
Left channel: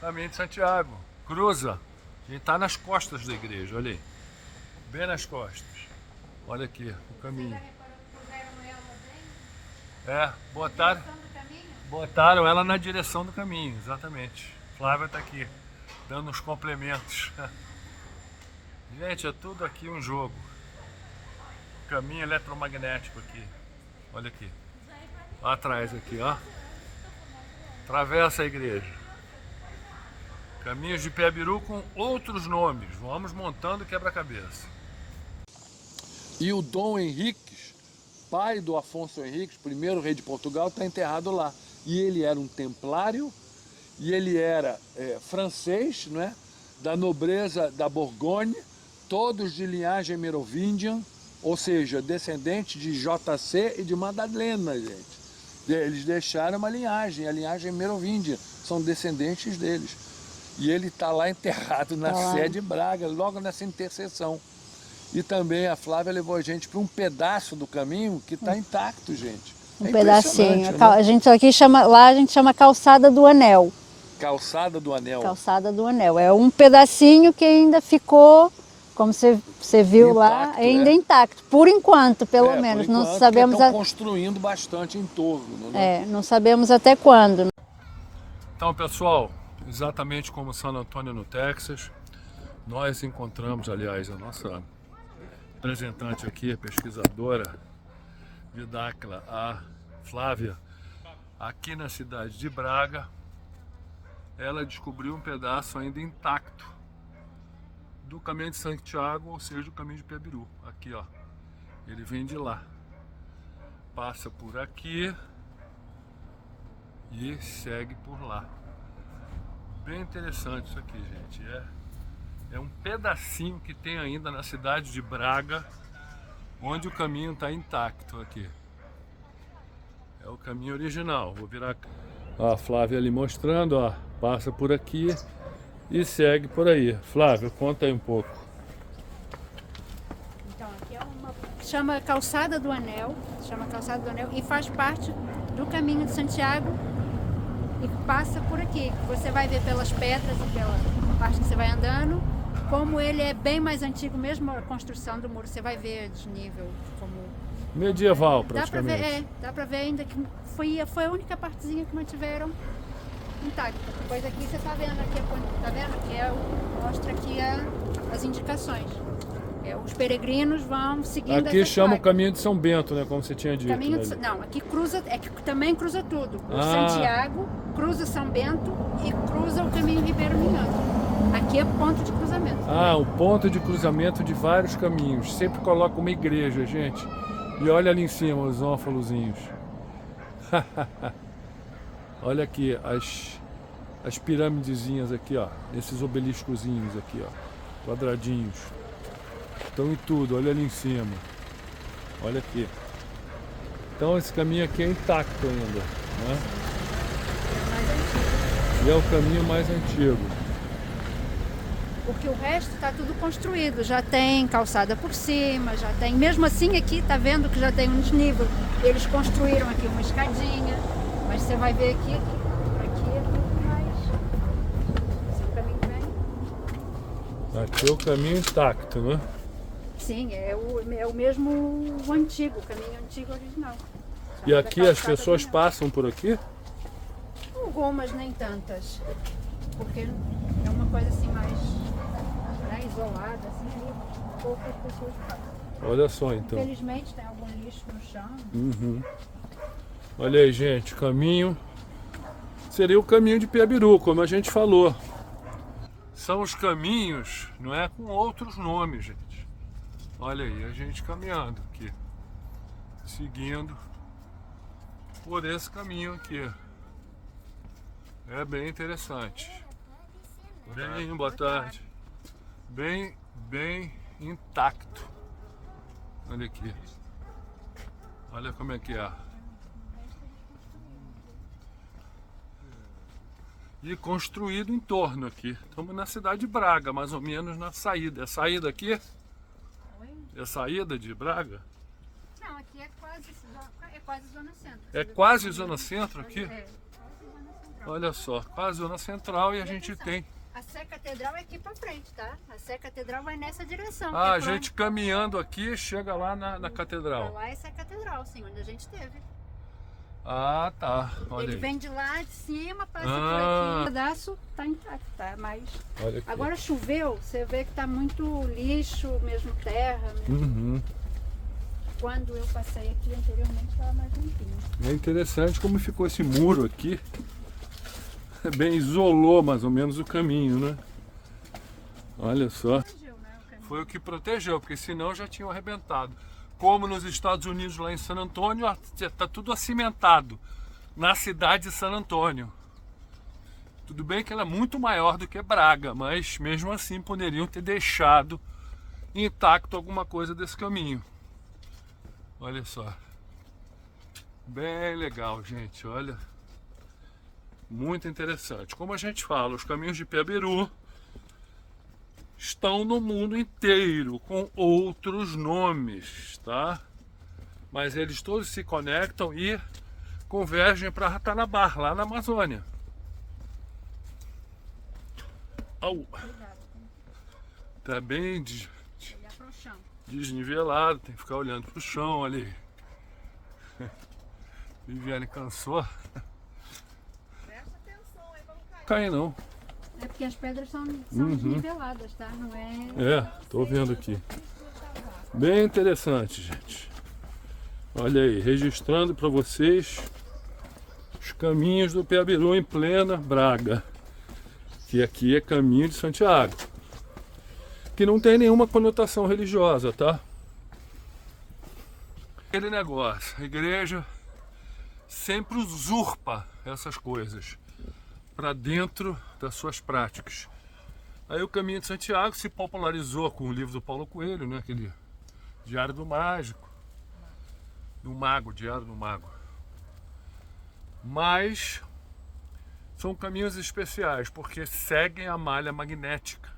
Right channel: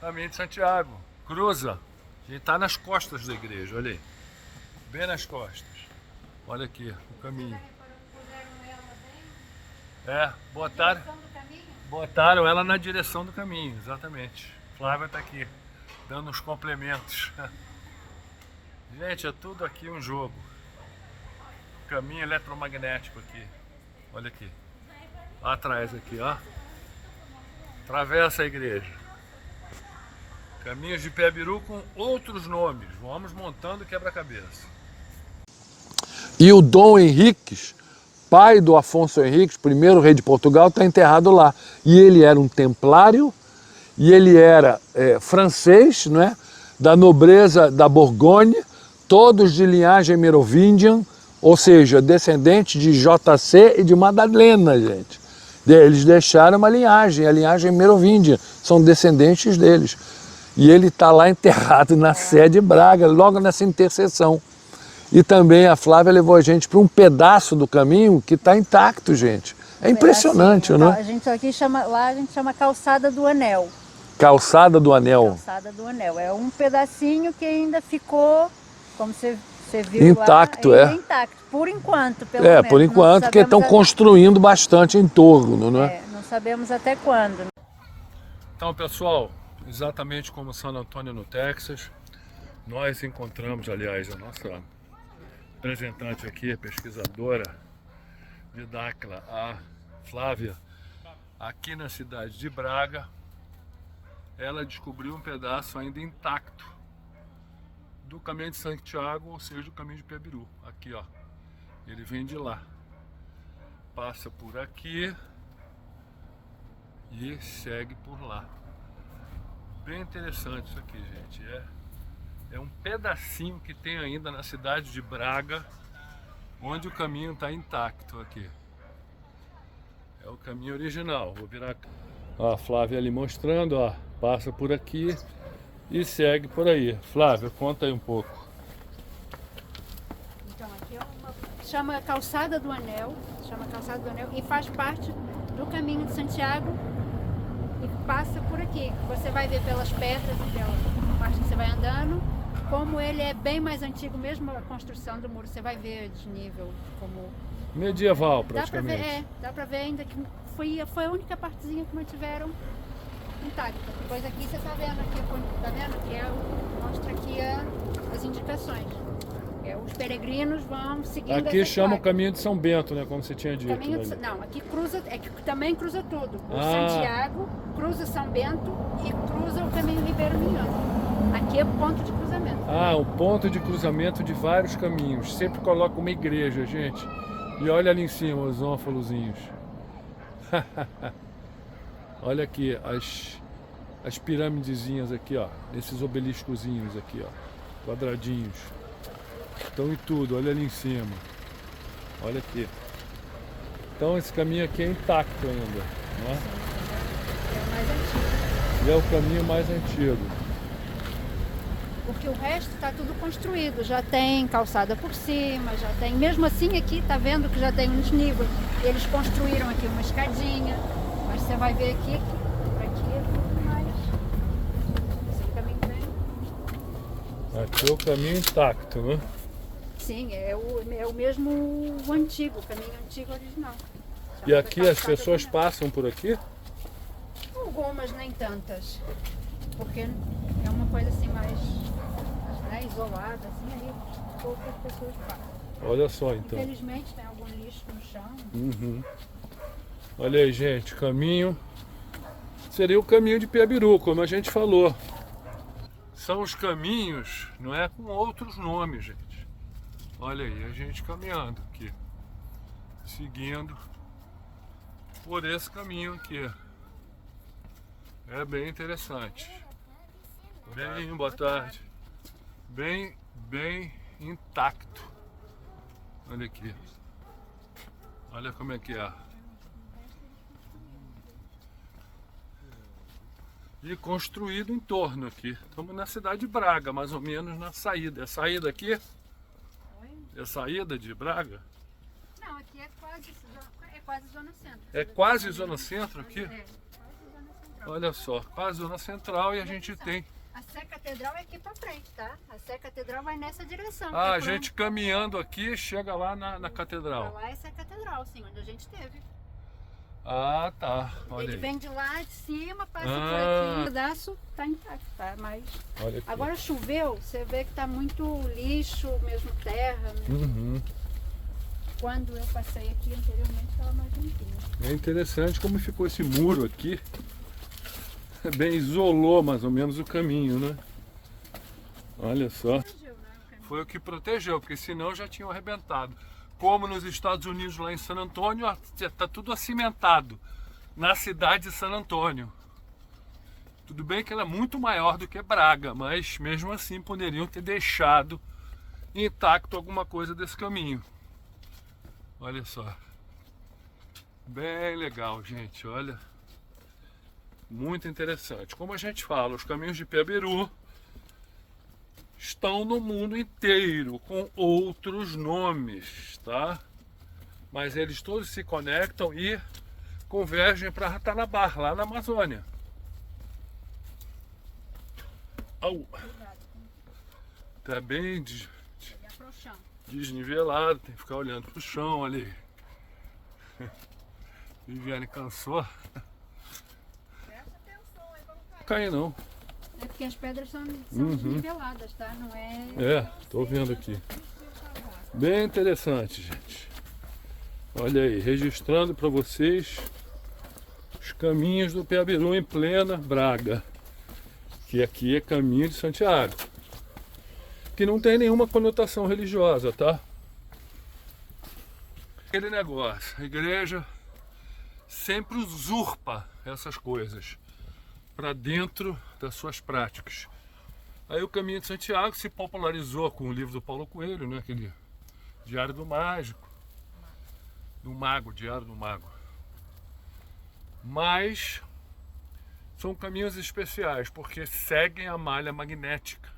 Caminho de Santiago. Cruza. A gente tá nas costas da igreja, olha aí. Bem nas costas. Olha aqui, o caminho. Botaram ela na direção do caminho, exatamente. Flávia tá aqui, dando uns complementos. Gente, é tudo aqui um jogo. Caminho eletromagnético aqui. Olha aqui. Lá atrás aqui, ó. Atravessa a igreja. Caminhos de Piabiru com outros nomes. Vamos montando quebra-cabeça. E o Dom Henriques, pai do Afonso Henriques, primeiro rei de Portugal, está enterrado lá. E ele era um templário, e ele era francês, não é? Da nobreza da Borgonha, todos de linhagem merovingian, ou seja, descendentes de JC e de Madalena, gente. Eles deixaram uma linhagem, a linhagem merovingian, são descendentes deles. E ele está lá enterrado na Sé de Braga, logo nessa interseção. E também a Flávia levou a gente para um pedaço do caminho que está intacto, gente. É impressionante, né? A gente aqui chama, lá a gente chama Calçada do Anel. Calçada do Anel. Calçada do Anel. É um pedacinho que ainda ficou, como você viu intacto, lá, ainda intacto. Por enquanto, pelo menos. Por enquanto, porque estão construindo bastante em torno, né? Não sabemos até quando. Então, pessoal, exatamente como San Antônio, no Texas, nós encontramos, aliás, a nossa representante aqui, a pesquisadora de Dáquila, a Flávia, aqui na cidade de Braga. Ela descobriu um pedaço ainda intacto do caminho de Santiago, ou seja, do caminho de Piabiru. Aqui, ó, ele vem de lá, passa por aqui e segue por lá. Bem interessante isso aqui, gente. É um pedacinho que tem ainda na cidade de Braga, onde o caminho está intacto aqui. É o caminho original. Vou virar a Flávia ali mostrando, ó, passa por aqui e segue por aí. Flávia, conta aí um pouco. Então, aqui é chama Calçada do Anel, e faz parte do caminho de Santiago e passa por aqui. Você vai ver pelas pedras e pela parte que você vai andando, como ele é bem mais antigo, mesmo a construção do muro, você vai ver desnível, como medieval, praticamente. Dá pra ver ainda que foi a única partezinha que mantiveram intacta. Depois aqui você tá vendo aqui, tá vendo? Que mostra aqui as indicações. Os peregrinos vão seguindo. Aqui chama o caminho de São Bento, né? Como você tinha dito. Não, aqui cruza, que também cruza tudo. O Santiago cruza São Bento e cruza o caminho Ribeiro Minhoto. Aqui é ponto de cruzamento. Um ponto de cruzamento de vários caminhos. Sempre coloca uma igreja, gente. E olha ali em cima os ófalozinhos. Olha aqui as pirâmidezinhas aqui, ó. Esses obeliscozinhos aqui, ó. Quadradinhos. Estão em tudo, olha ali em cima. Olha aqui. Então esse caminho aqui é intacto ainda, né? É o mais antigo. E é o caminho mais antigo. Porque o resto está tudo construído, já tem calçada por cima, já tem, mesmo assim aqui tá vendo que já tem um desnível. Eles construíram aqui uma escadinha, mas você vai ver aqui por aqui é tudo mais. Esse é o caminho bem. Aqui é o caminho intacto, né? Sim, é o mesmo antigo, o caminho antigo original. E aqui as pessoas passam por aqui? Algumas, nem tantas. Porque é uma coisa assim mais isolada, assim, aí poucas pessoas passam. Olha só então. Infelizmente tem algum lixo no chão. Olha aí, gente, caminho. Seria o caminho de Piabiru, como a gente falou. São os caminhos, não é, com outros nomes, gente. Olha aí, a gente caminhando aqui, seguindo por esse caminho aqui. É bem interessante. Boa tarde. Bem intacto. Olha aqui. Olha como é que é. E construído em torno aqui. Estamos na cidade de Braga, mais ou menos na saída. É a saída aqui? É a saída de Braga? Não, aqui é quase zona centro. É quase zona centro aqui? É, quase zona centro. Olha só, quase zona central e a gente tem... A Sé Catedral é aqui pra frente, tá? A Sé Catedral vai nessa direção. Ah, a gente caminhando aqui chega lá na catedral. Lá é Sé Catedral, sim, onde a gente teve. Ah, tá. Olha Ele aí. vem de lá de cima, passa por aqui. O pedaço tá intacto, tá? Mas Olha aqui. agora choveu, você vê que tá muito lixo, mesmo terra. Uhum. Quando eu passei aqui anteriormente estava mais limpinho. É interessante como ficou esse muro aqui. Bem, isolou mais ou menos o caminho, né? Olha só. Protegeu, né, o caminho. Foi o que protegeu, porque senão já tinham arrebentado. Como nos Estados Unidos, lá em San Antônio, está tudo acimentado. Na cidade de San Antônio. Tudo bem que ela é muito maior do que Braga, mas mesmo assim poderiam ter deixado intacto alguma coisa desse caminho. Olha só. Bem legal, gente, olha. Muito interessante. Como a gente fala, os caminhos de Piabiru estão no mundo inteiro, com outros nomes, tá? Mas eles todos se conectam e convergem para Ratanabar, lá na Amazônia. Au. Tá bem Olhar pro chão. desnivelado, tem que ficar olhando pro chão, olha aí. Viviane cansou. Presta atenção aí pra não cair. Cai não. É porque as pedras são desniveladas, tá? Não é... É, tô vendo aqui. Bem interessante, gente. Olha aí, registrando para vocês os caminhos do Piabiru em plena Braga. Que aqui é caminho de Santiago. Que não tem nenhuma conotação religiosa, tá? Aquele negócio, a igreja sempre usurpa essas coisas para dentro das suas práticas. Aí o caminho de Santiago se popularizou com o livro do Paulo Coelho, né? Aquele Diário do Mágico, do Mago, Diário do Mago. Mas são caminhos especiais porque seguem a malha magnética.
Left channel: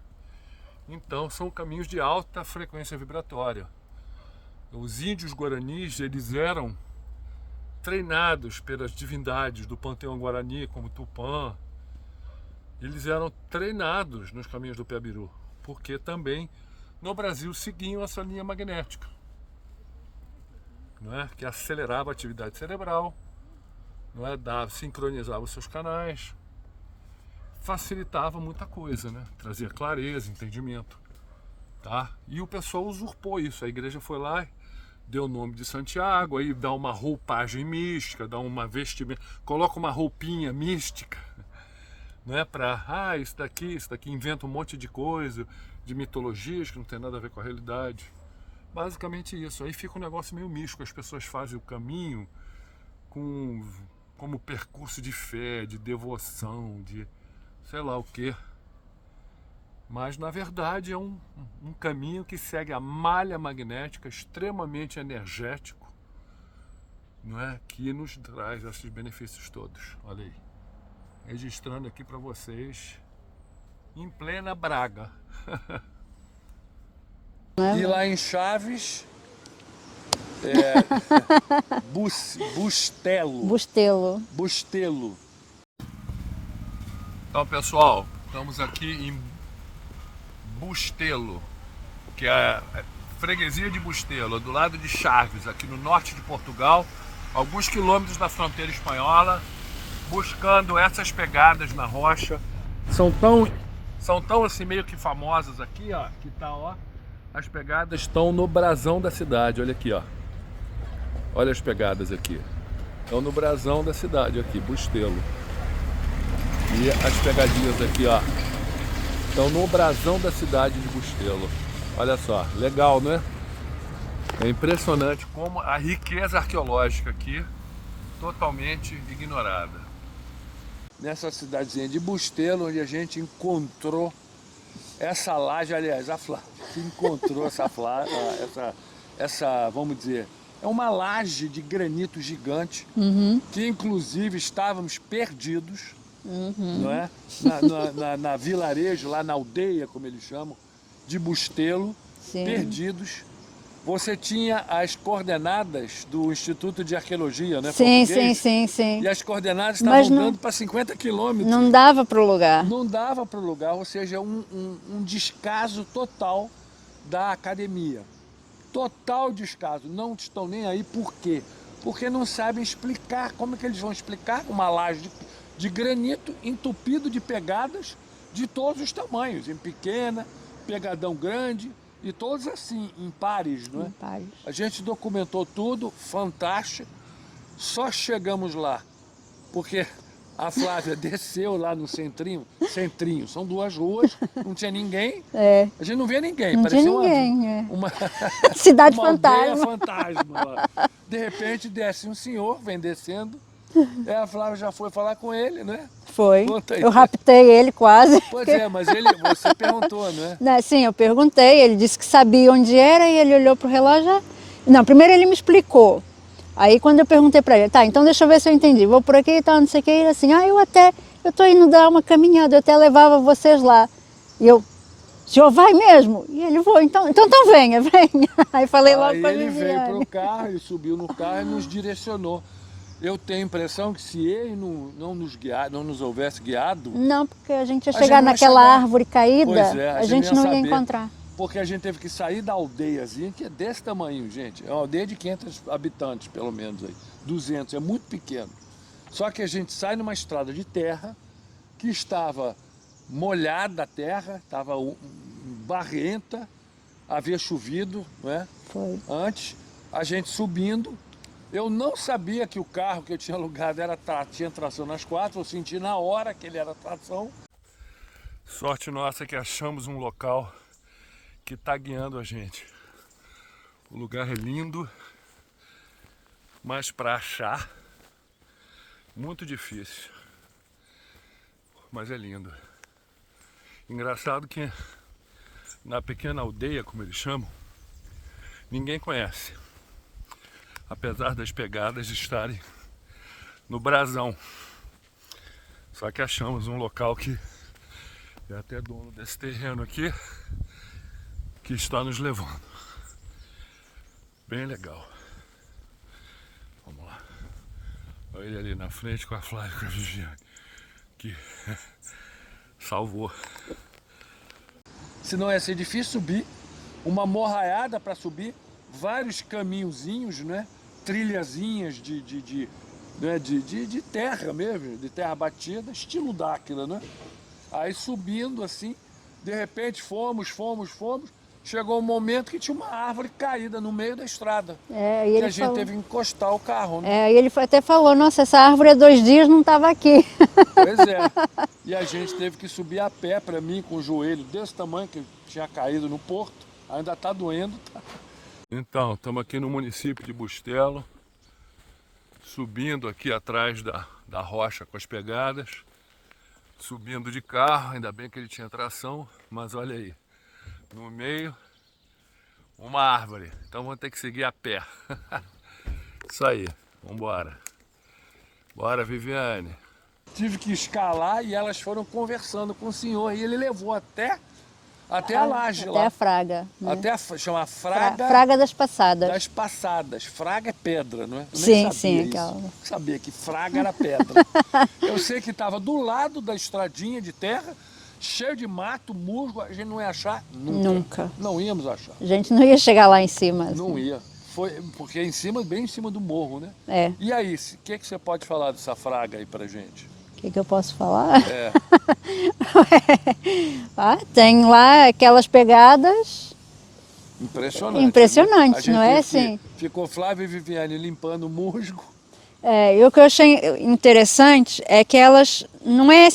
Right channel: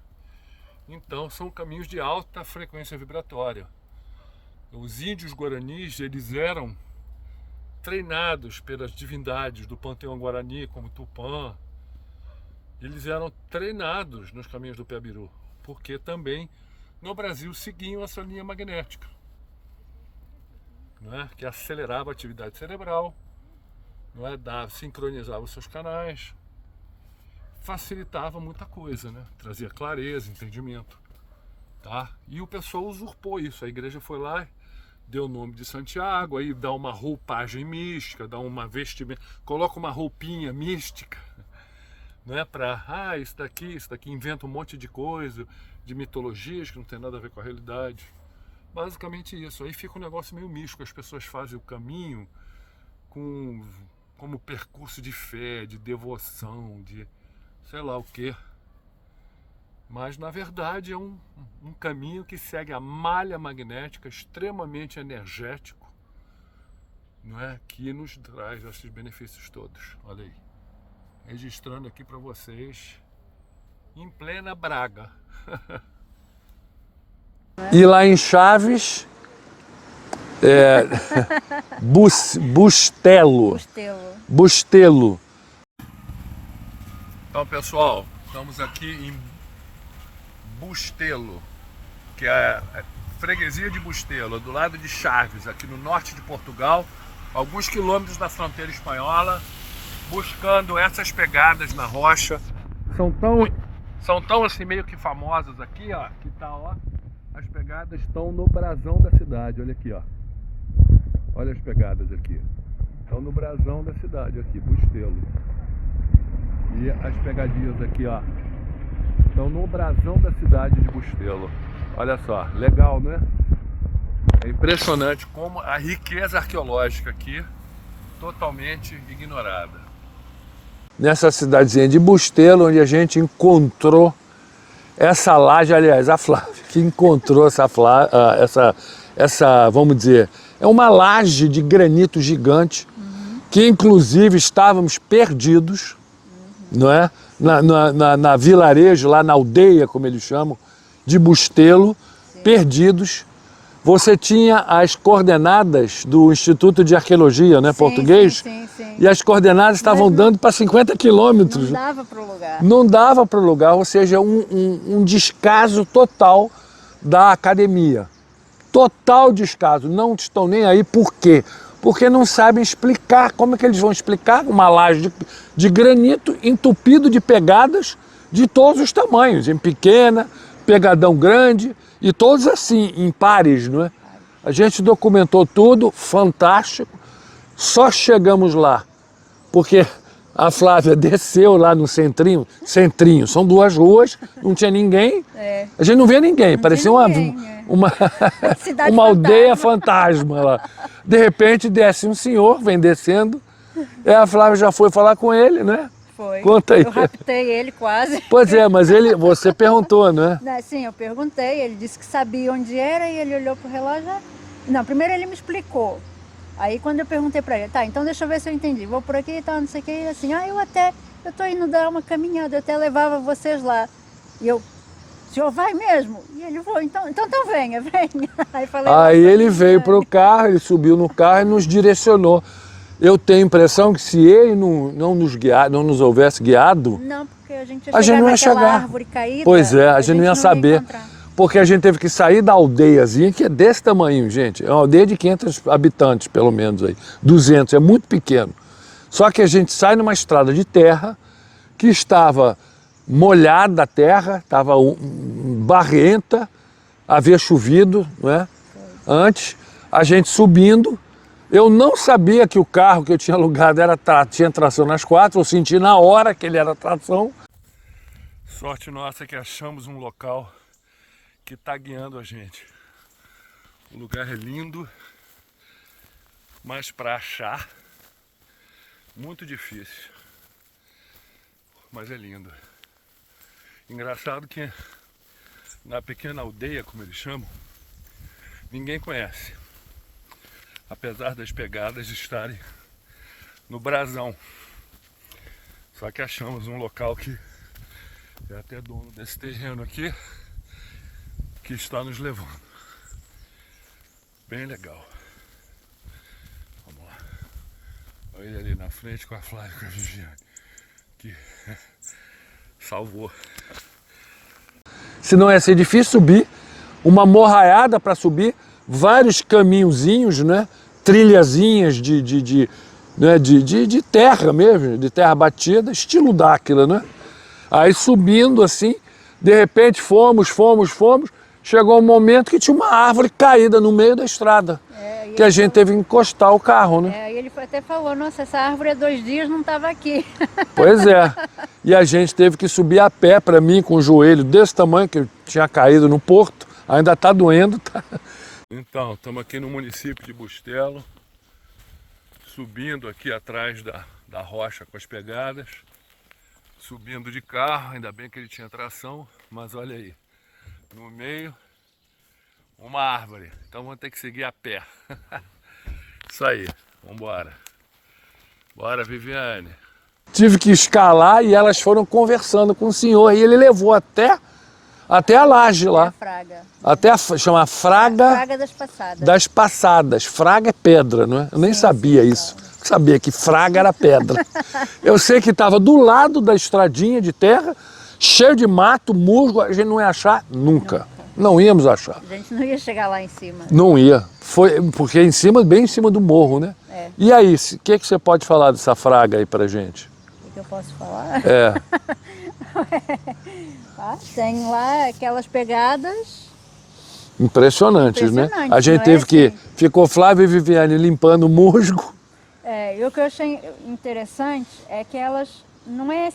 Então são caminhos de alta frequência vibratória. Os índios guaranis, eles eram treinados pelas divindades do panteão guarani, como Tupã. Eles eram treinados nos caminhos do Piabiru, porque também no Brasil seguiam essa linha magnética, não é? Que acelerava a atividade cerebral, não é? Sincronizava os seus canais, facilitava muita coisa, né? Trazia clareza, entendimento, tá? E o pessoal usurpou isso. A igreja foi lá, deu o nome de Santiago, aí dá uma roupagem mística, dá uma vestimenta, coloca uma roupinha mística, não é? Para, isso daqui, inventa um monte de coisa, de mitologias que não tem nada a ver com a realidade. Basicamente isso. Aí fica um negócio meio místico, as pessoas fazem o caminho como percurso de fé, de devoção, de sei lá o que. Mas na verdade é um caminho que segue a malha magnética, extremamente energético, não é? Que nos traz esses benefícios todos. Olha aí. Registrando aqui para vocês em plena Braga. E lá em Chaves, Bustelo. Bustelo. Então, pessoal, estamos aqui em Bustelo, que é a freguesia de Bustelo, do lado de Chaves, aqui no norte de Portugal, alguns quilômetros da fronteira espanhola, buscando essas pegadas na rocha. São tão assim meio que famosas aqui, ó, que tá, ó. As pegadas estão no brasão da cidade, olha aqui, ó. Olha as pegadas aqui. Estão no brasão da cidade aqui, Bustelo. E as pegadinhas aqui, ó, estão no brasão da cidade de Bustelo. Olha só, legal, não é? É impressionante como a riqueza arqueológica aqui, totalmente ignorada. Nessa cidadezinha de Bustelo, onde a gente encontrou essa laje, aliás, a Flávia que encontrou essa, vamos dizer, é uma laje de granito gigante, que inclusive estávamos perdidos, não é? Na vilarejo, lá na aldeia, como eles chamam, de Bustelo, perdidos, você tinha as coordenadas do Instituto de Arqueologia, né, Sim, português? sim. E as coordenadas estavam dando para 50 quilômetros. Não dava para o lugar. Não dava para o lugar, ou seja, um descaso total da academia. Total descaso. Não estão nem aí. Por quê? Porque não sabem explicar. Como é que eles vão explicar uma laje de granito entupido de pegadas de todos os tamanhos, em pequena, pegadão grande, e todos assim, em pares, não é? A gente documentou tudo, fantástico. Só chegamos lá porque a Flávia desceu lá no centrinho, são 2 ruas, não tinha ninguém. A gente não via ninguém, parecia uma Cidade uma aldeia fantasma lá. De repente desce um senhor, vem descendo, e a Flávia já foi falar com ele, né? Foi. Conta aí. Eu raptei ele quase. Pois é, mas você perguntou, né? Sim, eu perguntei, ele disse que sabia onde era e ele olhou pro relógio. Não, primeiro ele me explicou. Aí quando eu perguntei para ele, tá, então deixa eu ver se eu entendi, vou por aqui e tal, não sei o que, ele assim, eu tô indo dar uma caminhada, eu até levava vocês lá. E eu, o senhor vai mesmo? E ele, vou, então venha. Aí falei logo Aí pra ele veio pro carro, ele subiu no carro e nos direcionou. Eu tenho a impressão que se ele não nos houvesse guiado... Não, porque a gente ia A gente chegar não ia naquela chegar. árvore caída. Pois é, a gente não ia saber. encontrar. Porque a gente teve que sair da aldeiazinha, que é desse tamanho, gente. É uma aldeia de 500 habitantes, pelo menos aí. 200, é muito pequeno. Só que a gente sai numa estrada de terra que estava molhada a terra, estava barrenta, havia chovido, não é? Foi. Antes, a gente subindo. Eu não sabia que o carro que eu tinha alugado tinha tração nas 4, eu senti na hora que ele era tração. Sorte nossa que achamos um local que está guiando a gente. O lugar é lindo, mas para achar, muito difícil. Mas é lindo. Engraçado que na pequena aldeia, como eles chamam, ninguém conhece. Apesar das pegadas estarem no brasão. Só que achamos um local que é até dono desse terreno aqui, que está nos levando. Bem legal. Vamos lá. Olha ele ali na frente com a Flávia e com a Viviane, que salvou. Senão ia ser difícil subir, uma morraiada para subir, vários caminhozinhos, né? Trilhazinhas de terra mesmo, de terra batida, estilo Dáquila, né? Aí subindo assim, de repente fomos, chegou um momento que tinha uma árvore caída no meio da estrada, que a gente teve que encostar o carro, né? E ele até falou, nossa, essa árvore há 2 dias não estava aqui. Pois é, e a gente teve que subir a pé, para mim, com o joelho desse tamanho, que eu tinha caído no porto, ainda está doendo, tá? Então, estamos aqui no município de Bustelo, subindo aqui atrás da rocha com as pegadas, subindo de carro, ainda bem que ele tinha tração, mas olha aí, no meio, uma árvore, então vamos ter que seguir a pé. Isso aí, vamos embora. Bora, Viviane. Tive que escalar e elas foram conversando com o senhor, e ele levou até a laje lá. Até a fraga. Chama Fraga... Fraga das Passadas. Das Passadas. Fraga é pedra, não é? Eu nem sabia isso. Claro. Sabia que fraga era pedra. Eu sei que estava do lado da estradinha de terra, cheio de mato, musgo, a gente não ia achar nunca. Não íamos achar. A gente não ia chegar lá em cima. Não ia. Foi porque bem em cima do morro, né? E aí, o que você pode falar dessa fraga aí pra gente? O que eu posso falar? Tem lá aquelas pegadas. Impressionantes, né? A gente teve que... Ficou Flávia e Viviane limpando o musgo. E o que eu achei interessante é que elas não é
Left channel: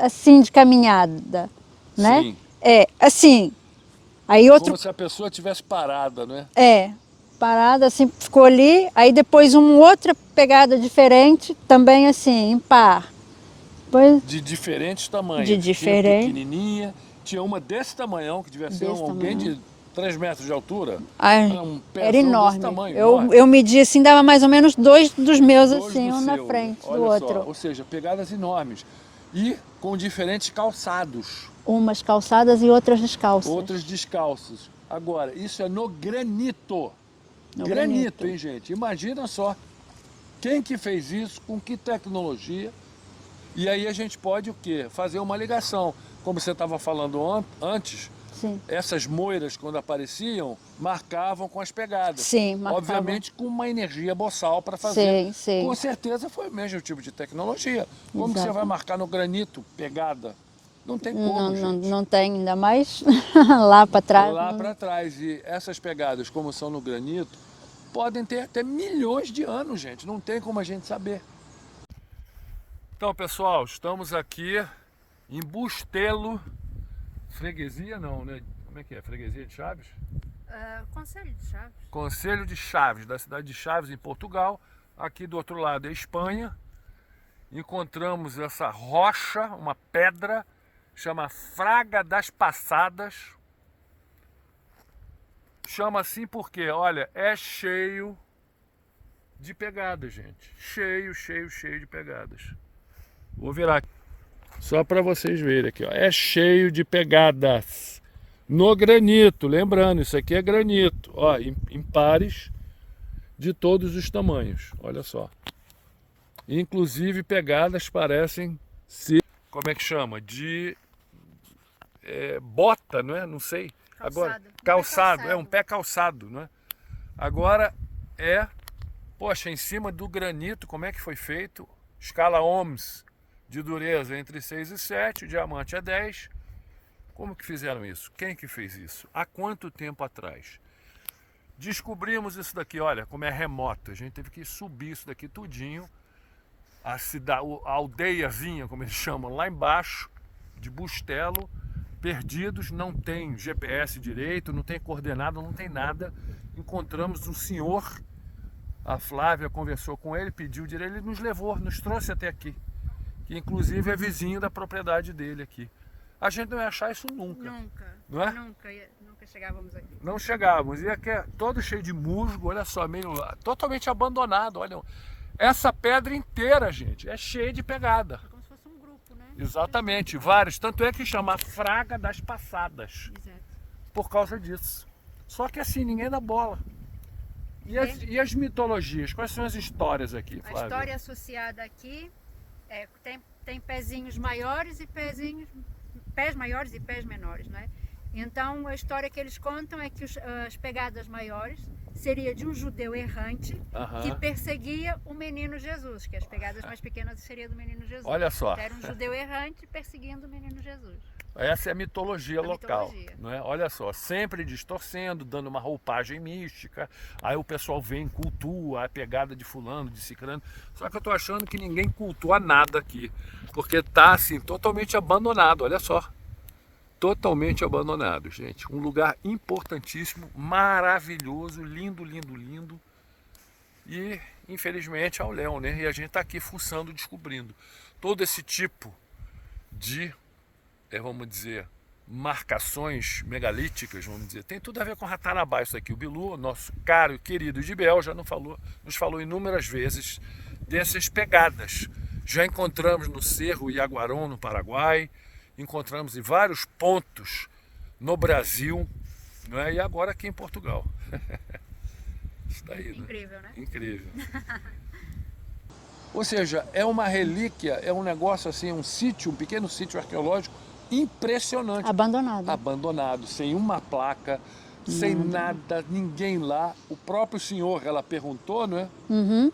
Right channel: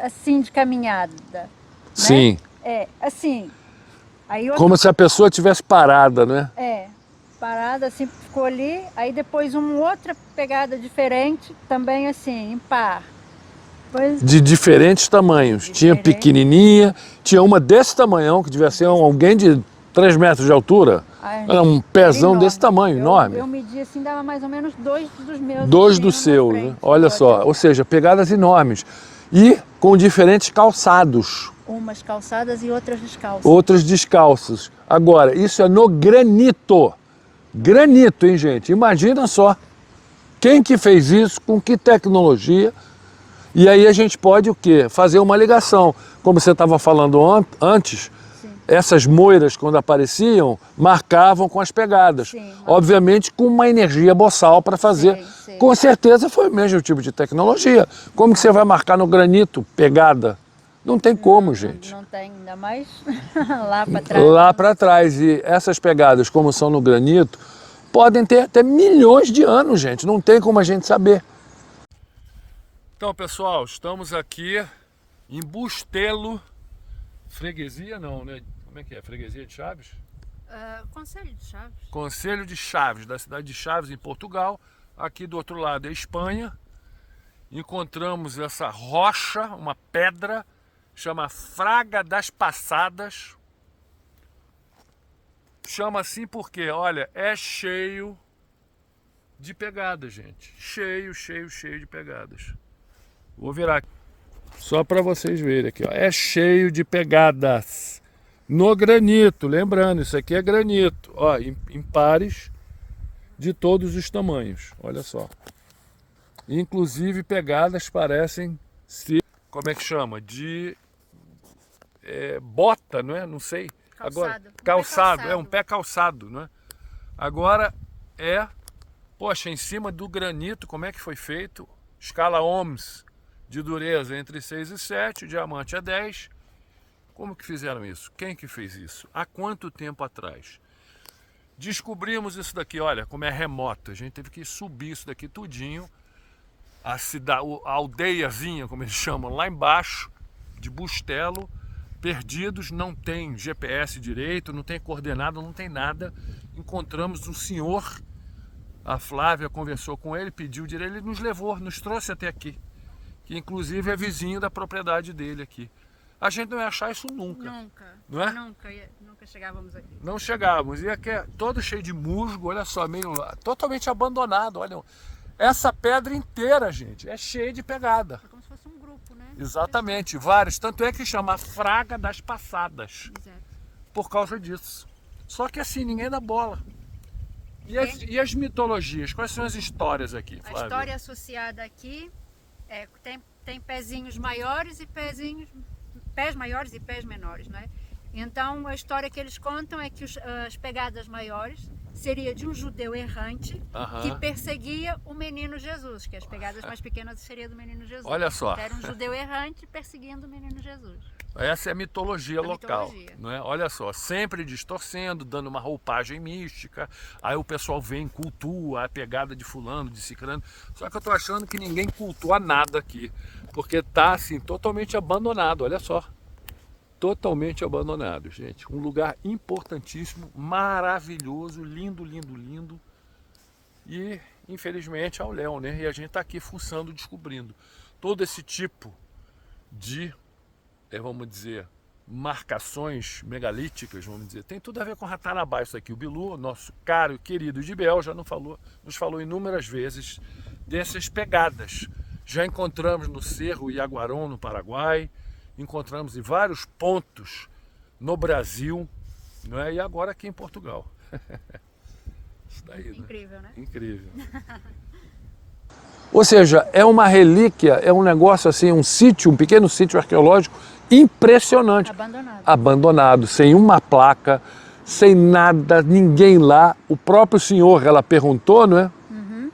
assim de caminhada, né? Sim. É assim. Aí como se a pessoa tivesse parada, né? Parada, assim, ficou ali. Aí depois uma outra pegada diferente, também assim, em par. Depois... De diferentes tamanhos. Tinha pequenininha, tinha uma desse tamanhão, que devia ser alguém de 3 metros de altura. Era um pezão desse tamanho, enorme. Eu medi assim, dava mais ou menos 2 dos meus. 2 assim, do seu, né? Olha só. Ou seja, pegadas enormes. E com diferentes calçados. Umas calçadas e outras descalças. Outras descalças. Agora, isso é no granito. Granito, hein, gente? Imagina só. Quem que fez isso, com que tecnologia? E aí a gente pode o quê? Fazer uma ligação. Como você estava falando antes, Sim. essas moiras, quando apareciam, marcavam com as pegadas. Sim, marcavam. Obviamente com uma energia boçal para fazer. Sim, sim. Com certeza foi o mesmo tipo de tecnologia. Como que você vai marcar no granito pegada? Não tem como, gente. Não tem, ainda mais lá para trás. Lá para trás. E essas pegadas, como são no granito, podem ter até milhões de anos, gente. Não tem como a gente saber. Então, pessoal, estamos aqui em Bustelo. Freguesia não, né? Como é que é? Freguesia de Chaves? Conselho de Chaves. Conselho de Chaves, da cidade de Chaves, em Portugal. Aqui do outro lado é Espanha. Encontramos essa rocha, uma pedra, chama Fraga das Passadas. Chama assim porque, olha, é cheio de pegadas, gente. Cheio de pegadas. Vou virar aqui, só para vocês verem aqui, ó. É cheio de pegadas no granito. Lembrando, isso aqui é granito, ó, em pares de todos os tamanhos. Olha só. Inclusive pegadas parecem ser, como é que chama? De bota, não é? Não sei. Agora, calçado, é um pé calçado, não é? Agora poxa, em cima do granito, como é que foi feito? Escala Ohms de dureza entre 6 e 7, o diamante é 10. Como que fizeram isso? Quem que fez isso? Há quanto tempo atrás? Descobrimos isso daqui, olha, como é remoto. A gente teve que subir isso daqui tudinho. A aldeiazinha, como eles chamam, lá embaixo, de Bustelo, perdidos, não tem GPS direito, não tem coordenada, não tem nada. Encontramos um senhor, a Flávia conversou com ele, pediu direito, ele nos levou, nos trouxe até aqui, que inclusive é vizinho da propriedade dele aqui. A gente não ia achar isso nunca. Não é? Nunca chegávamos aqui. Não chegávamos. E aqui é todo cheio de musgo, olha só, meio totalmente abandonado. Olha, essa pedra inteira, gente, é cheia de pegada. É como se fosse um grupo, né? Exatamente, vários. Tanto é que chama Fraga das Passadas. Exato. Por causa disso. Só que assim, ninguém dá bola. E as mitologias? Quais são as histórias aqui, Flávia? A história associada aqui tem pezinhos maiores e pés maiores e pés menores, né? Então a história que eles contam é que as pegadas maiores seria de um judeu errante que perseguia o menino Jesus, que as pegadas mais pequenas seria do menino Jesus. Olha só. Então, era um judeu errante perseguindo o menino Jesus. Essa é a mitologia local, não é? Olha só, sempre distorcendo, dando uma roupagem mística. Aí o pessoal vem, cultua a pegada de fulano, de ciclano. Só que eu tô achando que ninguém cultua nada aqui, porque tá assim totalmente abandonado, olha só. Totalmente abandonado, gente. Um lugar importantíssimo, maravilhoso, lindo, lindo, lindo. E infelizmente ao léu, né? E a gente tá aqui fuçando, descobrindo todo esse tipo de vamos dizer, marcações megalíticas, vamos dizer. Tem tudo a ver com Ratanabá isso aqui. O Bilu, nosso caro e querido Idibel, já nos falou inúmeras vezes dessas pegadas. Já encontramos no Cerro Iaguarão, no Paraguai, encontramos em vários pontos no Brasil, não é? E agora aqui em Portugal. Isso daí, né? Incrível, né? Incrível. Ou seja, é uma relíquia, é um negócio assim, um pequeno sítio arqueológico impressionante. Abandonado. Abandonado, sem uma placa, sem nada, ninguém lá. O próprio senhor, ela perguntou, não é? Uhum.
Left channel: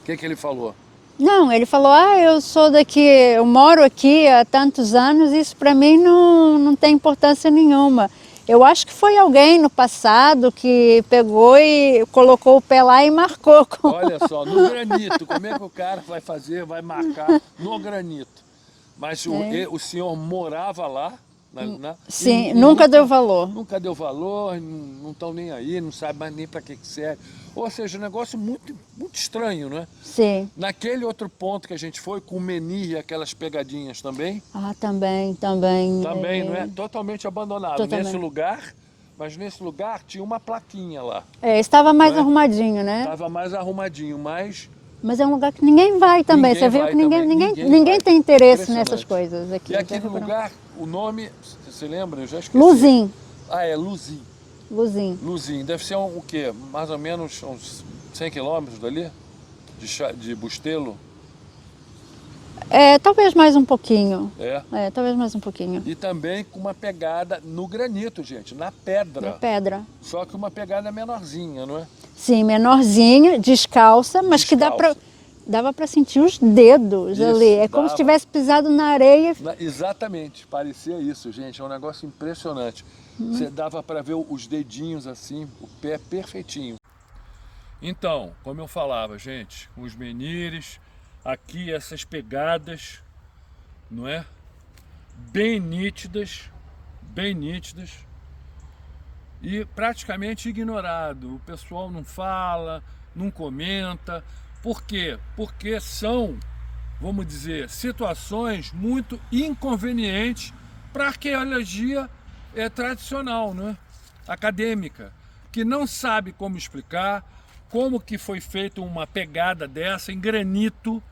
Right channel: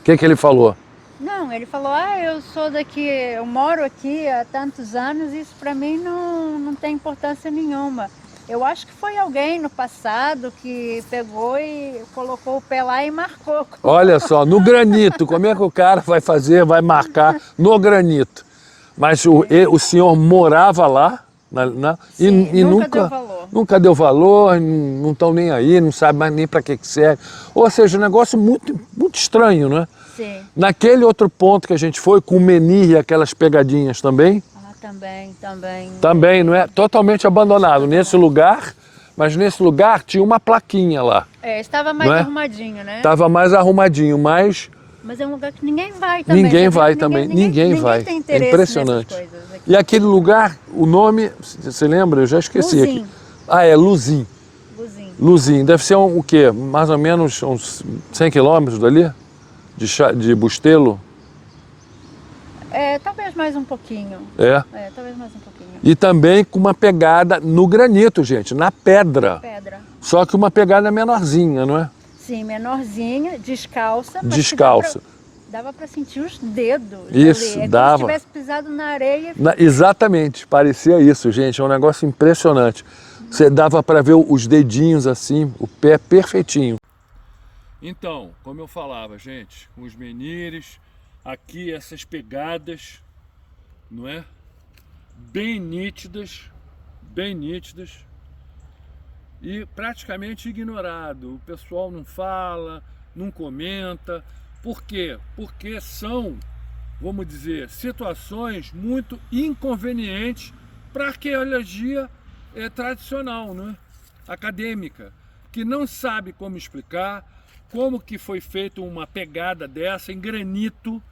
O que ele falou? Não, ele falou, eu sou daqui, eu moro aqui há tantos anos, isso para mim não tem importância nenhuma. Eu acho que foi alguém no passado que pegou e colocou o pé lá e marcou. Olha só, no granito, como é que o cara vai fazer, vai marcar no granito? Mas o senhor morava lá? Sim, e nunca deu valor. Nunca deu valor, não estão nem aí, não sabe mais nem para que serve. Ou seja, um negócio muito, muito estranho, não é? Sim. Naquele outro ponto que a gente foi, com o menir e aquelas pegadinhas também. Ah, também. Também, não é? Totalmente abandonado. Nesse lugar, mas nesse lugar tinha uma plaquinha lá. Estava mais arrumadinho, né? Estava mais arrumadinho, mas é um lugar que ninguém vai também. Ninguém vai também. Ninguém vai. Tem interesse nessas coisas aqui. E aquele lugar, o nome, você lembra? Eu já esqueci. Luzim. É Luzim. Luzim. Luzim, deve ser o quê? Mais ou menos uns 100 quilômetros dali? De Bustelo? É, talvez mais um pouquinho. É. É, talvez mais um pouquinho. E também com uma pegada no granito, gente, na pedra. Pedra. Só que uma pegada menorzinha, não é? Sim, menorzinha, descalça, mas Descalça. que dava para sentir os dedos Isso, ali. É dava. como se tivesse pisado na areia. Exatamente, parecia isso, gente. É um negócio impressionante. Você dava para ver os dedinhos assim, o pé perfeitinho. Então, como eu falava, gente, os menires, aqui essas pegadas, não é? Bem nítidas e praticamente ignorado. O pessoal não fala, não comenta. Por quê? Porque são, vamos dizer, situações muito inconvenientes para a arqueologia tradicional, não é? Acadêmica, que não sabe como explicar, como que foi feita uma pegada dessa em granito,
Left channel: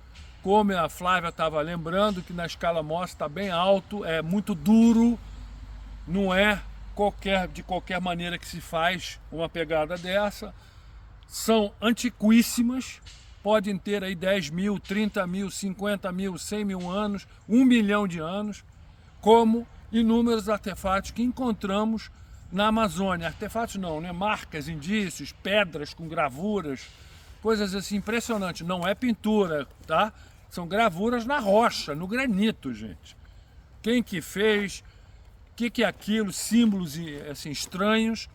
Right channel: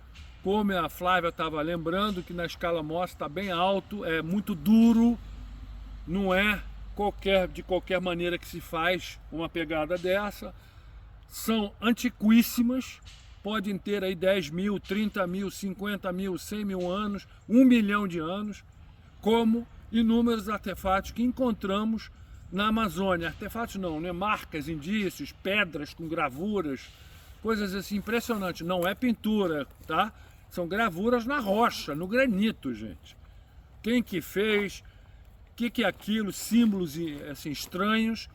como a Flávia estava lembrando, que na escala Mohs está bem alto, é muito duro, não é de qualquer maneira que se faz uma pegada dessa. São antiquíssimas, podem ter aí 10 mil, 30 mil, 50 mil, 100 mil anos, 1 milhão de anos, como inúmeros artefatos que encontramos na Amazônia. Artefatos não, né? Marcas, indícios, pedras com gravuras, coisas assim impressionantes. Não é pintura, tá? São gravuras na rocha, no granito, gente. Quem que fez, o que é aquilo, símbolos assim, estranhos.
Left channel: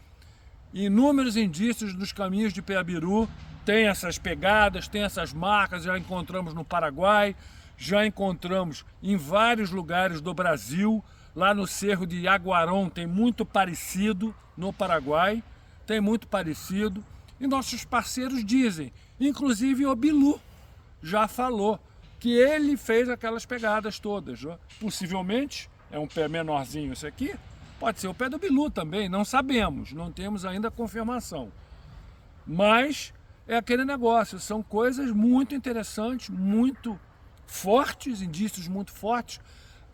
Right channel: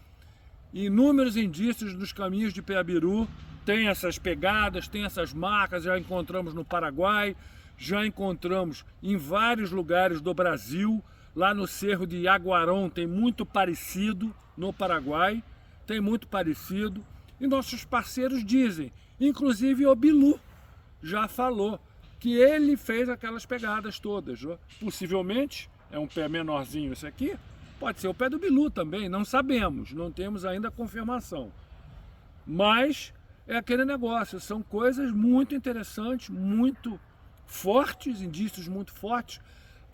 Inúmeros indícios nos caminhos de Peabiru, tem essas pegadas, tem essas marcas, já encontramos no Paraguai, já encontramos em vários lugares do Brasil, lá no Cerro de Yaguarão tem muito parecido, no Paraguai, tem muito parecido, e nossos parceiros dizem, inclusive o Bilu já falou, que ele fez aquelas pegadas todas, possivelmente, é um pé menorzinho esse aqui, pode ser o pé do Bilu também, não sabemos, não temos ainda confirmação. Mas é aquele negócio, são coisas muito interessantes, muito fortes, indícios muito fortes.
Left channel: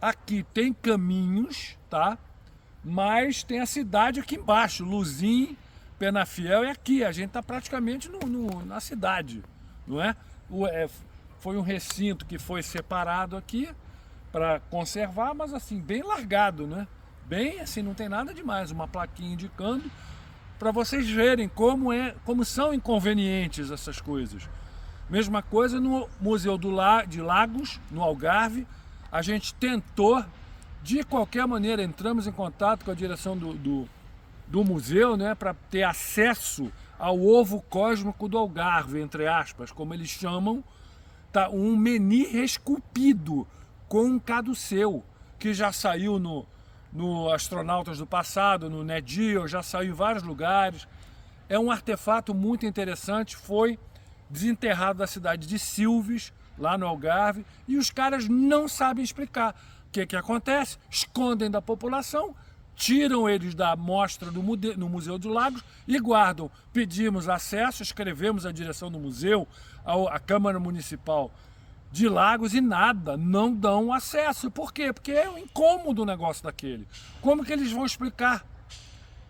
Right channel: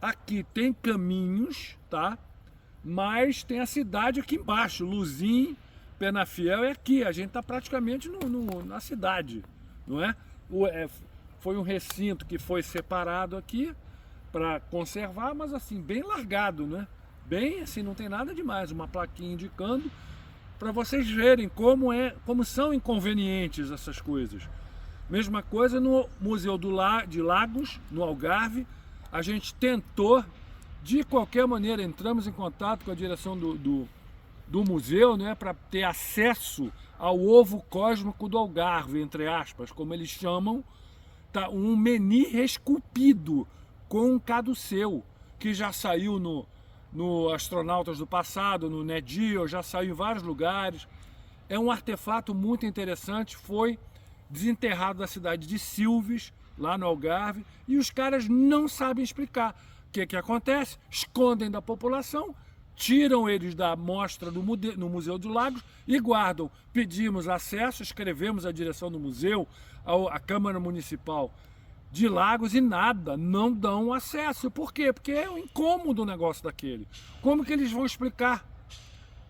Aqui tem caminhos, tá? Mas tem a cidade aqui embaixo, Luzim, Penafiel, é aqui, a gente está praticamente na cidade, não é? Foi um recinto que foi separado aqui para conservar, mas assim, bem largado, né? Bem assim, não tem nada demais, uma plaquinha indicando para vocês verem como são inconvenientes essas coisas. Mesma coisa no Museu de Lagos, no Algarve, a gente tentou, de qualquer maneira, entramos em contato com a direção do museu, né, para ter acesso ao ovo cósmico do Algarve, entre aspas, como eles chamam, tá, um menhir esculpido com um caduceu, que já saiu no Astronautas do Passado, no Nat Geo, já saiu em vários lugares. É um artefato muito interessante, foi desenterrado da cidade de Silves, lá no Algarve, e os caras não sabem explicar. O que acontece? Escondem da população, tiram eles da amostra no Museu de Lagos e guardam. Pedimos acesso, escrevemos a direção do museu, à Câmara Municipal de Lagos e nada, não dão acesso. Por quê? Porque é um incômodo o negócio daquele. Como que eles vão explicar?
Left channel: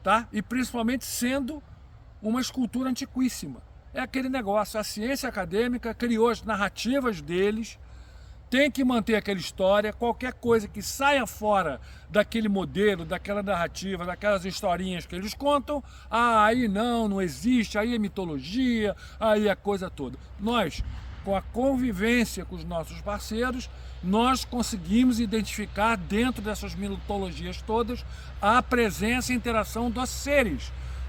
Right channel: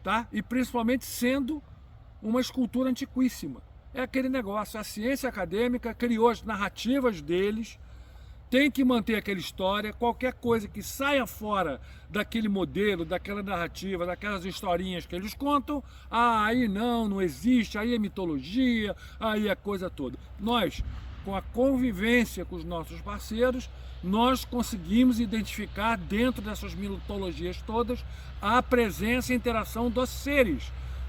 Tá? E principalmente sendo uma escultura antiquíssima. É aquele negócio, a ciência acadêmica criou as narrativas deles, tem que manter aquela história, qualquer coisa que saia fora daquele modelo, daquela narrativa, daquelas historinhas que eles contam, aí não existe, aí é mitologia, aí é a coisa toda. Nós, com a convivência com os nossos parceiros, nós conseguimos identificar dentro dessas mitologias todas a presença e interação dos seres,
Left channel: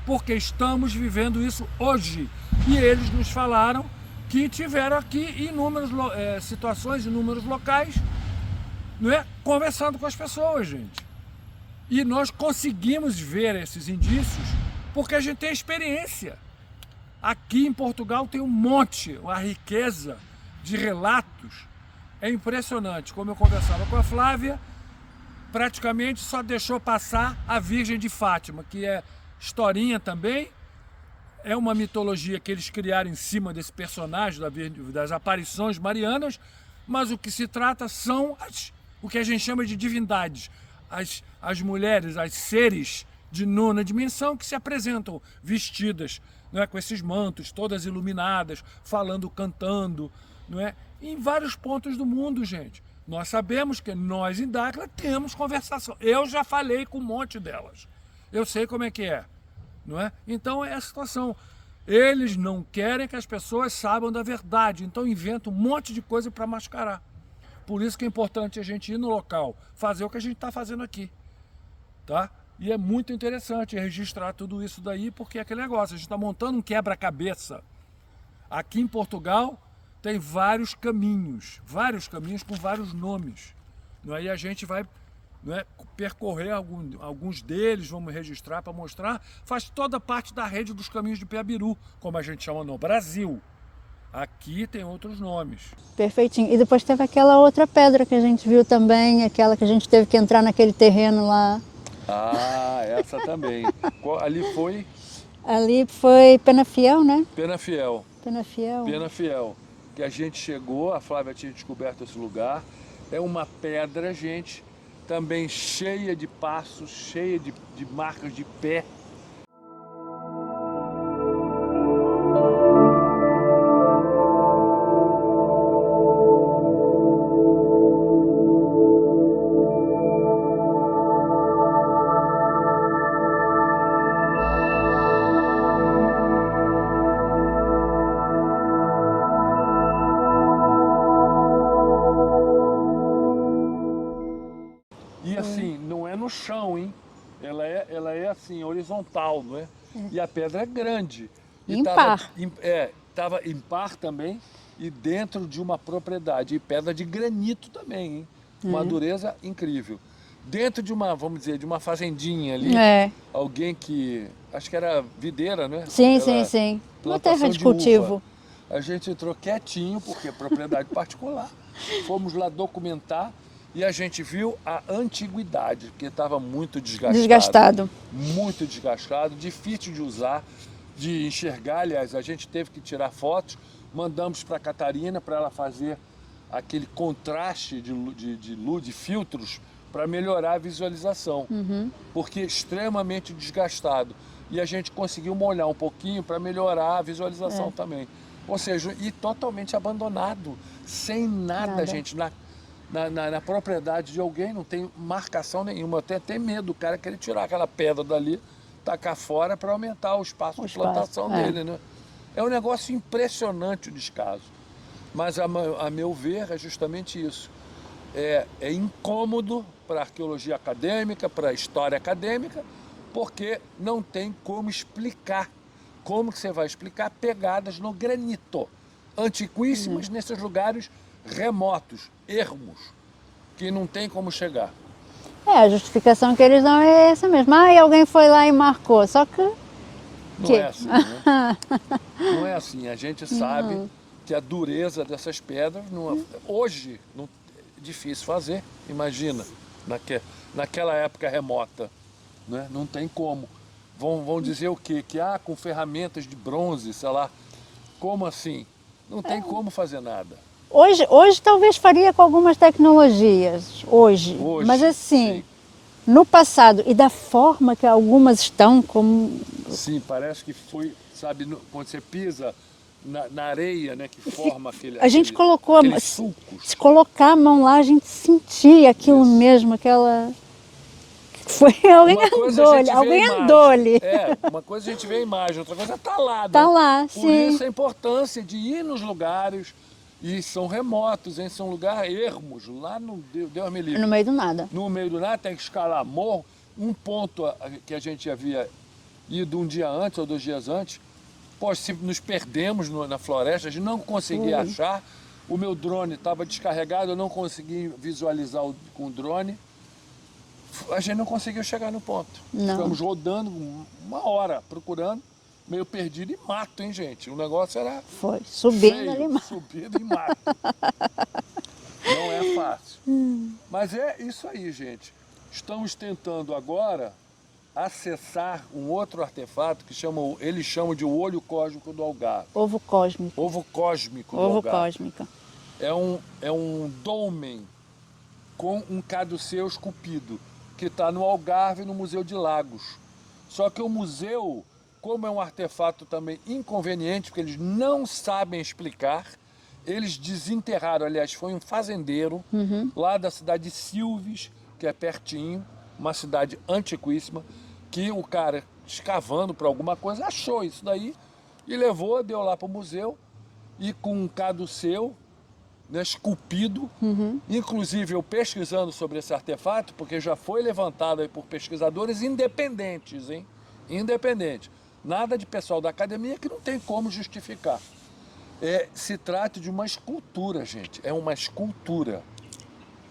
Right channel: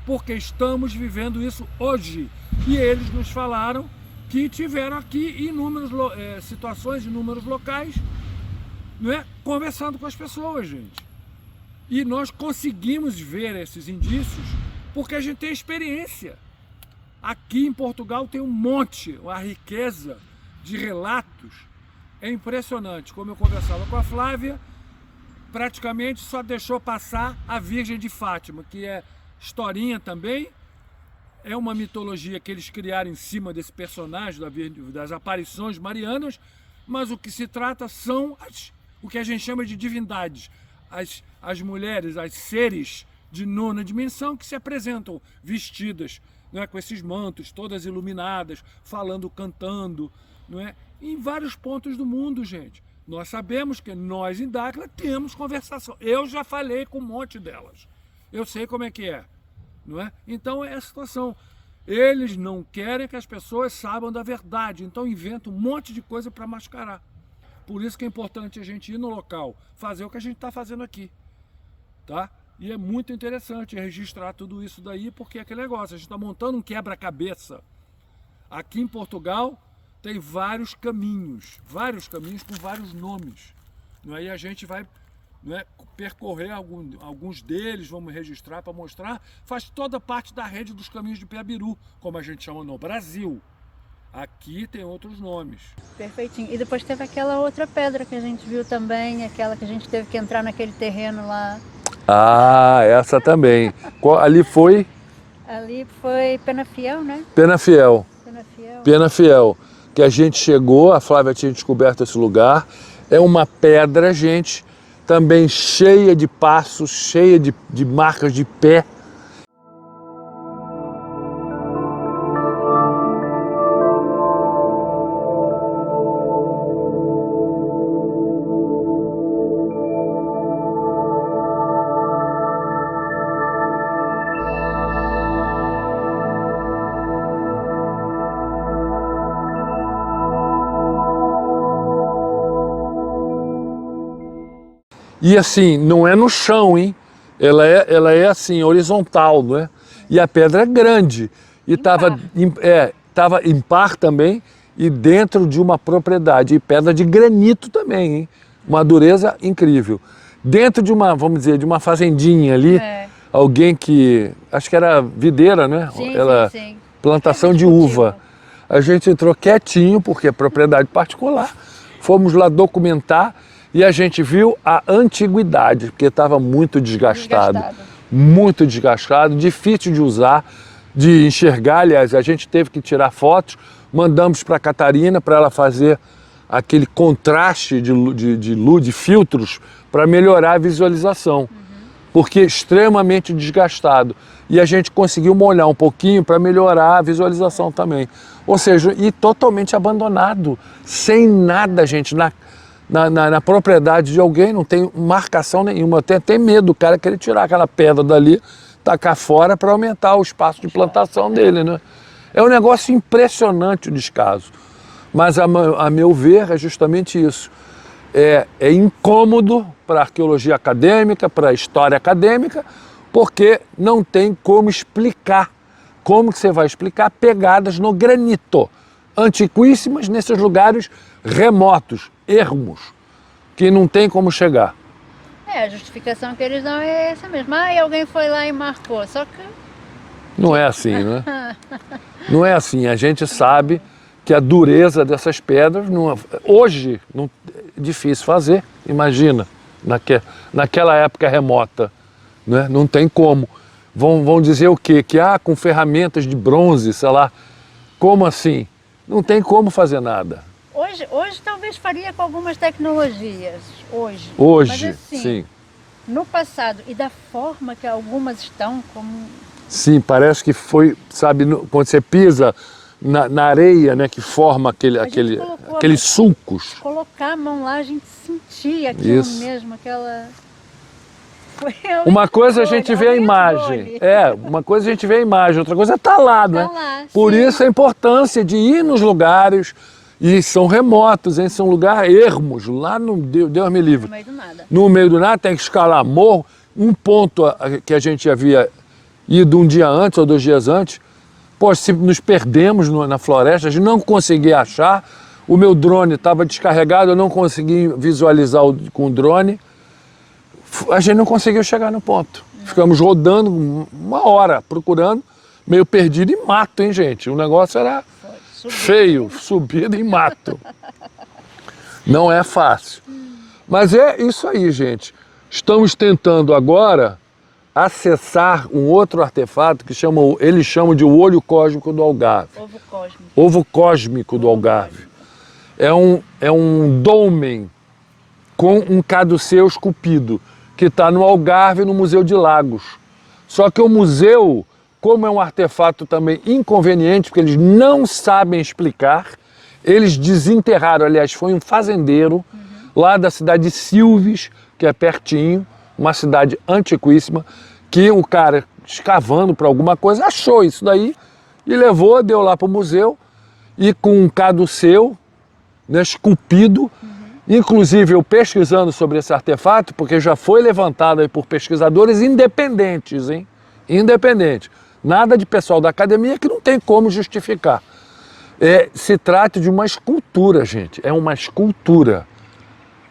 porque estamos vivendo isso hoje. E eles nos falaram que tiveram aqui inúmeras situações, inúmeros locais, não é? Conversando com as pessoas, gente. E nós conseguimos ver esses indícios porque a gente tem experiência. Aqui em Portugal tem um monte, uma riqueza de relatos. É impressionante. Como eu conversava com a Flávia, praticamente só deixou passar a Virgem de Fátima, que é historinha também, é uma mitologia que eles criaram em cima desse personagem, das aparições marianas, mas o que se trata são o que a gente chama de divindades, as mulheres, as seres de nona dimensão que se apresentam vestidas, não é, com esses mantos, todas iluminadas, falando, cantando, não é, em vários pontos do mundo, gente. Nós sabemos que nós em Dáquila temos conversação. Eu já falei com um monte delas. Eu sei como é que é, não é? Então é a situação. Eles não querem que as pessoas saibam da verdade, então inventam um monte de coisa para mascarar. Por isso que é importante a gente ir no local, fazer o que a gente está fazendo aqui, tá? E é muito interessante registrar tudo isso daí, porque é aquele negócio, a gente está montando um quebra-cabeça. Aqui em Portugal tem vários caminhos com vários nomes. Não é? E a gente vai, não é, percorrer alguns deles, vamos registrar para mostrar. Faz toda parte da rede dos caminhos de Piabiru, como a gente chama no Brasil. Aqui tem outros nomes. Perfeitinho. E depois teve aquela outra pedra que a gente viu também, aquela que a gente teve que entrar naquele terreno lá. Ah, essa também. Ali foi? Ali foi Penafiel, né? Penafiel. Penafiel. Penafiel. Que a gente chegou, a Flávia tinha descoberto esse lugar. É uma pedra, gente, também cheia de passos, cheia de marcas de pé. E assim, não é no chão, hein? Ela é assim, horizontal, não é? E a pedra é grande. E estava em par também e dentro de uma propriedade. E pedra de granito também, hein? Uma dureza incrível. Dentro de uma, vamos dizer, de uma fazendinha ali, alguém que, acho que era videira, né? Sim, sim. Plantação de uva. A gente entrou quietinho, porque é propriedade particular. Fomos lá documentar. E a gente viu a antiguidade, porque estava muito desgastado. Muito desgastado, difícil de usar, de enxergar. Aliás, a gente teve que tirar fotos, mandamos para a Catarina para ela fazer aquele contraste de luz, de filtros, para melhorar a visualização. Porque é extremamente desgastado. E a gente conseguiu molhar um pouquinho para melhorar a visualização também. Ou seja, e totalmente abandonado, sem nada, gente, na propriedade de alguém, não tem marcação nenhuma. Eu tenho até medo do cara querer tirar aquela pedra dali, tacar fora para aumentar o espaço de plantação dele, né? É um negócio impressionante o descaso. Mas, a meu ver, é justamente isso. É incômodo para a arqueologia acadêmica, para a história acadêmica, porque não tem como explicar. Como que você vai explicar pegadas no granito, antiquíssimas nesses lugares remotos, ermos, que não tem como chegar. A justificação que eles dão é essa mesmo. E alguém foi lá e marcou, só que... Não é assim, né? Não é assim. A gente sabe que a dureza dessas pedras, hoje, é difícil fazer, imagina, naquela época remota, né? Não tem como. Vão dizer o quê? Que com ferramentas de bronze, sei lá. Como assim? Não tem como fazer nada. Hoje talvez faria com algumas tecnologias, hoje. Mas assim, sim. No passado, e da forma que algumas estão, como... Sim, parece que foi, sabe, quando você pisa na areia, né, que forma aqueles sulcos. Se colocar a mão lá, a gente sentia aquilo mesmo, aquela... Uma coisa a gente vê a imagem. Uma coisa a gente vê a imagem, outra coisa tá lá, né? Tá lá, Por isso a importância de ir nos lugares, e são remotos, hein? São lugares ermos, lá no Deus me livre. No meio do nada. No meio do nada, tem que escalar morro. Um ponto que a gente havia ido um dia antes ou 2 dias antes, se nos perdemos na floresta, a gente não conseguia achar, o meu drone estava descarregado, eu não consegui visualizar com o drone. A gente não conseguiu chegar no ponto. Ficamos rodando 1 hora, procurando, meio perdido em mato, hein, gente? O negócio era feio, subida em mato. Não é fácil. Mas é isso aí, gente. Estamos tentando agora acessar um outro artefato que eles chamam de o olho cósmico do Algarve. Ovo cósmico. Ovo cósmico do Algarve. É um dolmen com um caduceu esculpido, que está no Algarve, no Museu de Lagos. Só que o museu, como é um artefato também inconveniente, porque eles não sabem explicar, eles desenterraram, aliás, foi um fazendeiro lá da cidade de Silves, que é pertinho, uma cidade antiquíssima, que o cara, escavando para alguma coisa, achou isso daí e levou, deu lá para o museu, e com um caduceu, né, esculpido. Inclusive, eu pesquisando sobre esse artefato, porque já foi levantado aí por pesquisadores independentes, hein? Independente. Nada de pessoal da academia que não tem como justificar. Se trata de uma escultura, gente. É uma escultura.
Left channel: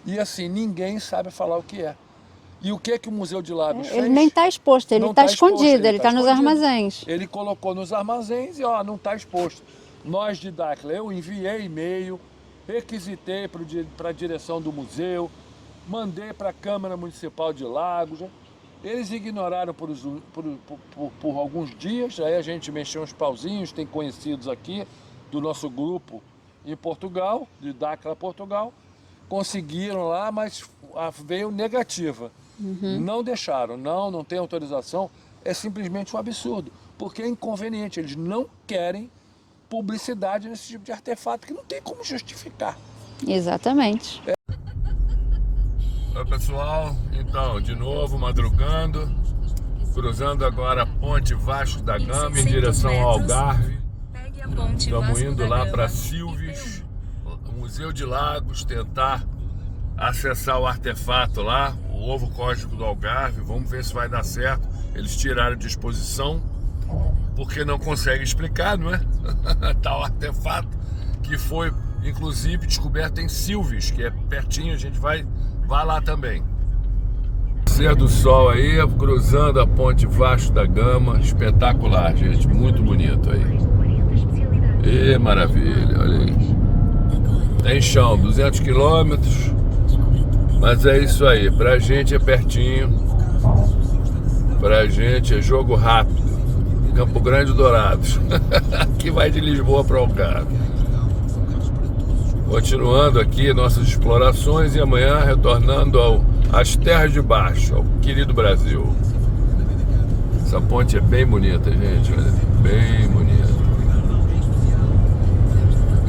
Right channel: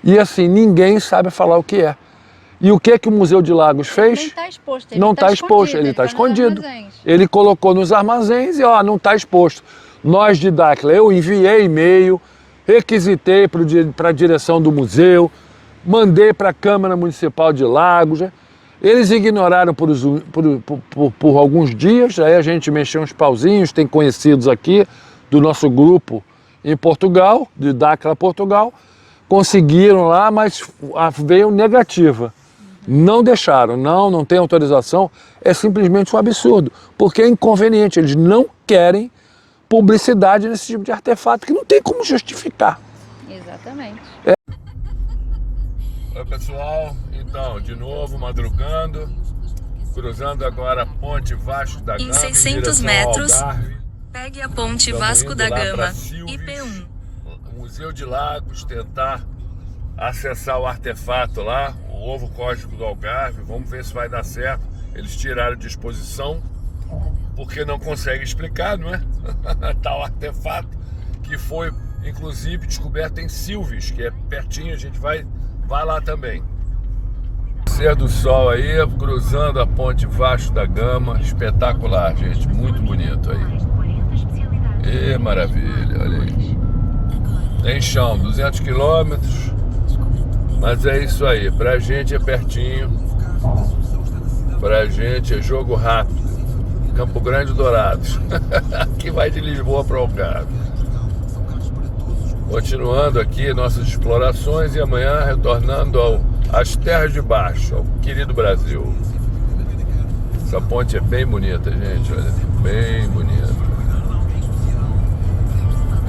E assim, ninguém sabe falar o que é. E o que o Museu de Lagos fez? Ele nem está exposto, ele Não está está exposto, escondido, ele está está nos escondido. armazéns. Ele colocou nos armazéns e ó, não está exposto. Nós de Dáquila, eu enviei e-mail, requisitei para a direção do museu, mandei para a Câmara Municipal de Lagos. Eles ignoraram por alguns dias, aí a gente mexeu uns pauzinhos, tem conhecidos aqui do nosso grupo em Portugal, de Dáquila, Portugal, conseguiram lá, mas veio negativa. Não deixaram, não tem autorização, é simplesmente um absurdo, porque é inconveniente, eles não querem publicidade nesse tipo de artefato, que não tem como justificar. Exatamente. Oi pessoal, então, de novo madrugando, cruzando agora a ponte Vasco da Gama em 600 direção metros, ao Algarve. pegue a ponte Estamos Vasco indo da lá Gama, para Silves, IP1. Museu de Lagos, tentar acessar o artefato lá, o ovo cósmico do Algarve. Vamos ver se vai dar certo. Eles tiraram de exposição porque não conseguem explicar, não é? Tal artefato que foi inclusive descoberto em Silves, que é pertinho, a gente vai lá também. Nascer do sol aí, cruzando a ponte Vasco da Gama, espetacular, gente, muito bonito aí. E maravilha, olha aí. Tem chão, 200 quilômetros, mas é isso aí, pra gente é pertinho, pra gente é jogo rápido. Campo Grande Dourados, que vai de Lisboa para Algarve. Continuando aqui nossas explorações e amanhã retornando às terras de baixo, ao querido Brasil. Essa ponte é bem bonita, gente, olha, bem bonita.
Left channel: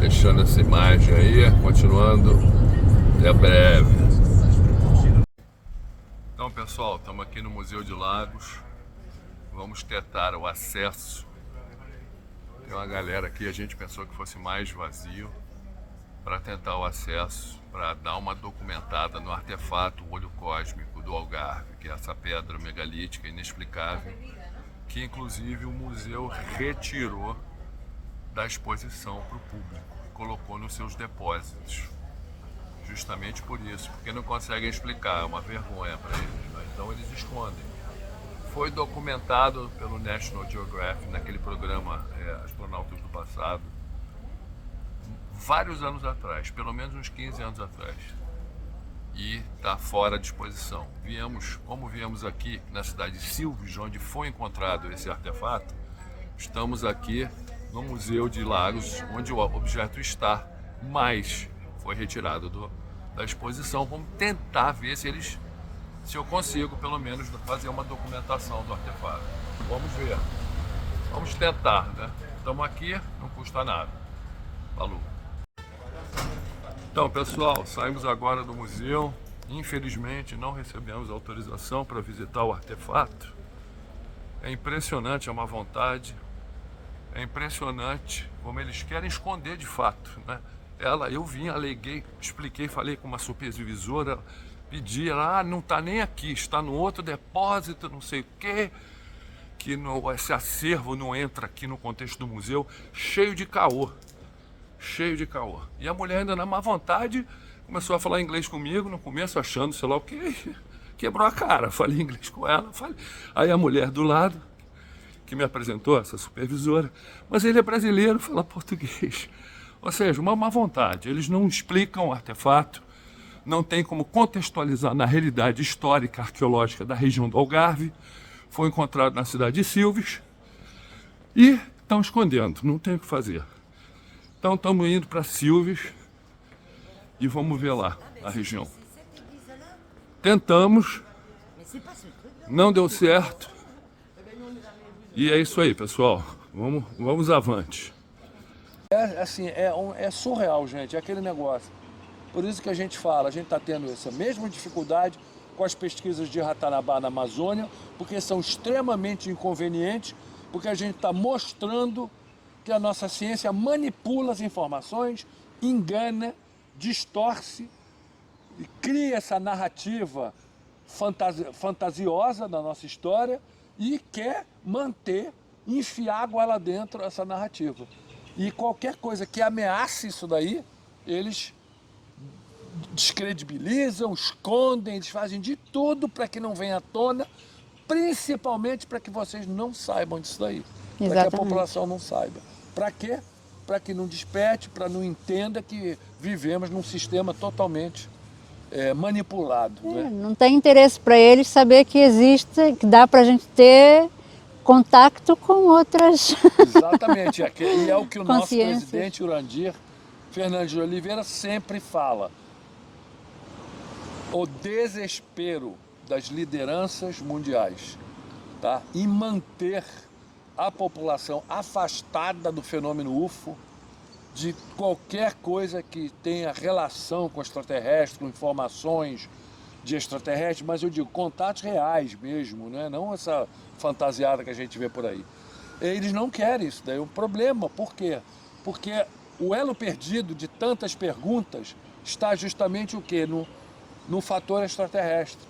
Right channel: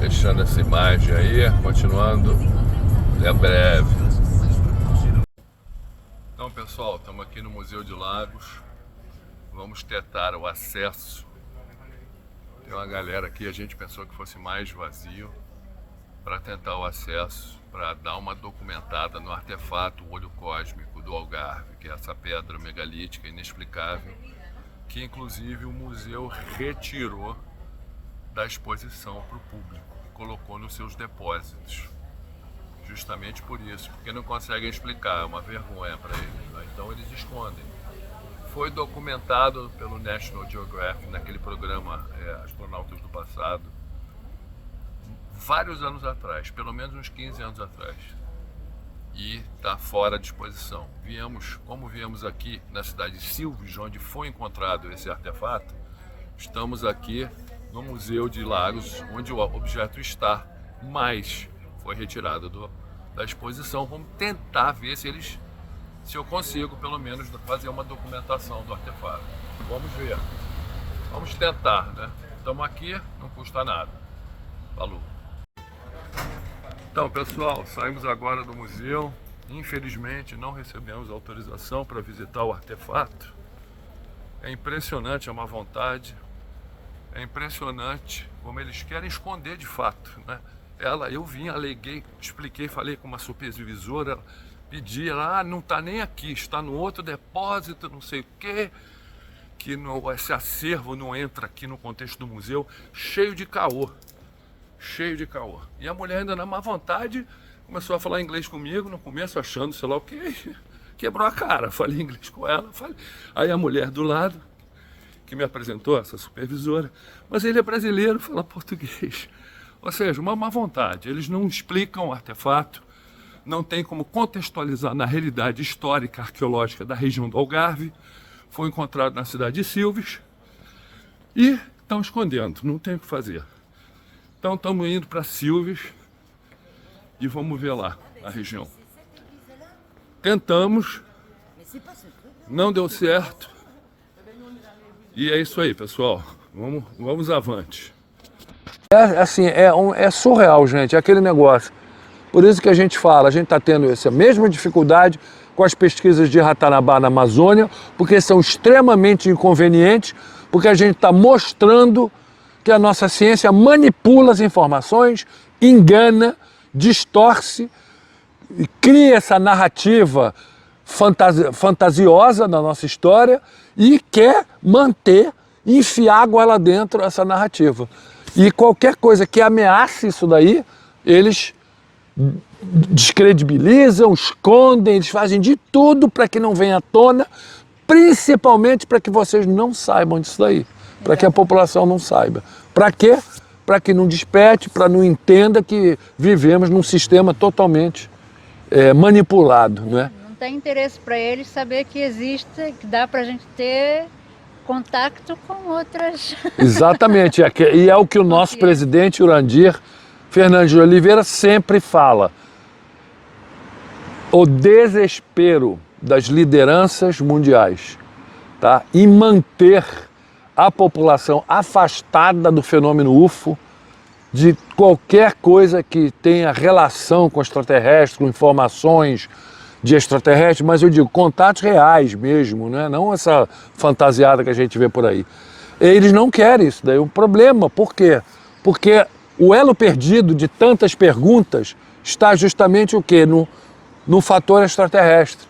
Deixando essa imagem aí, continuando, até breve. Então pessoal, estamos aqui no Museu de Lagos. Vamos tentar o acesso. Tem uma galera aqui, a gente pensou que fosse mais vazio, para tentar o acesso, para dar uma documentada no artefato, o olho cósmico do Algarve, que é essa pedra megalítica inexplicável, que inclusive o museu retirou da exposição para o público e colocou nos seus depósitos. Justamente por isso, porque não conseguem explicar, é uma vergonha para eles, né? Então eles escondem. Foi documentado pelo National Geographic naquele programa Astronautas do Passado, vários anos atrás, pelo menos uns 15 anos atrás, e está fora de exposição. Como viemos aqui na cidade de Silves, onde foi encontrado esse artefato, estamos aqui no Museu de Lagos, onde o objeto está, mas foi retirado da exposição. Vamos tentar ver se eu consigo, pelo menos, fazer uma documentação do artefato. Vamos ver. Vamos tentar, né? Estamos aqui, não custa nada. Falou. Então, pessoal, saímos agora do museu. Infelizmente, não recebemos autorização para visitar o artefato. É impressionante, é uma vontade. É impressionante como eles querem esconder de fato, né? Eu vim, aleguei, expliquei, falei com uma supervisora, pedi, ela, não está nem aqui, está no outro depósito, não sei o quê, que esse acervo não entra aqui no contexto do museu, cheio de caô. E a mulher ainda na má vontade começou a falar inglês comigo, no começo achando, sei lá o quê, quebrou a cara, falei inglês com ela, Aí a mulher do lado, que me apresentou, essa supervisora, mas ele é brasileiro, fala português. Ou seja, uma má vontade, eles não explicam o artefato, não tem como contextualizar na realidade histórica, arqueológica da região do Algarve, foi encontrado na cidade de Silves e estão escondendo, não tem o que fazer. Então estamos indo para Silves e vamos ver lá a região. Tentamos, não deu certo, E é isso aí, pessoal. Vamos avante. É surreal, gente, é aquele negócio. Por isso que a gente fala, a gente está tendo essa mesma dificuldade com as pesquisas de Ratanabá na Amazônia, porque são extremamente inconvenientes, porque a gente está mostrando que a nossa ciência manipula as informações, engana, distorce, cria essa narrativa fantasiosa na nossa história e quer manter, enfiar goela dentro essa narrativa. E qualquer coisa que ameace isso daí, eles descredibilizam, escondem, eles fazem de tudo para que não venha à tona, principalmente para que vocês não saibam disso daí, para que a população não saiba. Para quê? Para que não desperte, para não entenda que vivemos num sistema totalmente manipulado. Né? Não tem interesse para eles saber que existe, que dá para a gente ter contato com outras... Exatamente, e é o que o nosso presidente Urandir Fernandes de Oliveira sempre fala. O desespero das lideranças mundiais, tá? Em manter a população afastada do fenômeno UFO, de qualquer coisa que tenha relação com extraterrestres, com informações de extraterrestres, mas eu digo contatos reais mesmo, né? Não essa fantasiada que a gente vê por aí. Eles não querem isso, daí é um problema. Por quê? Porque o elo perdido de tantas perguntas está justamente o quê? No fator extraterrestre.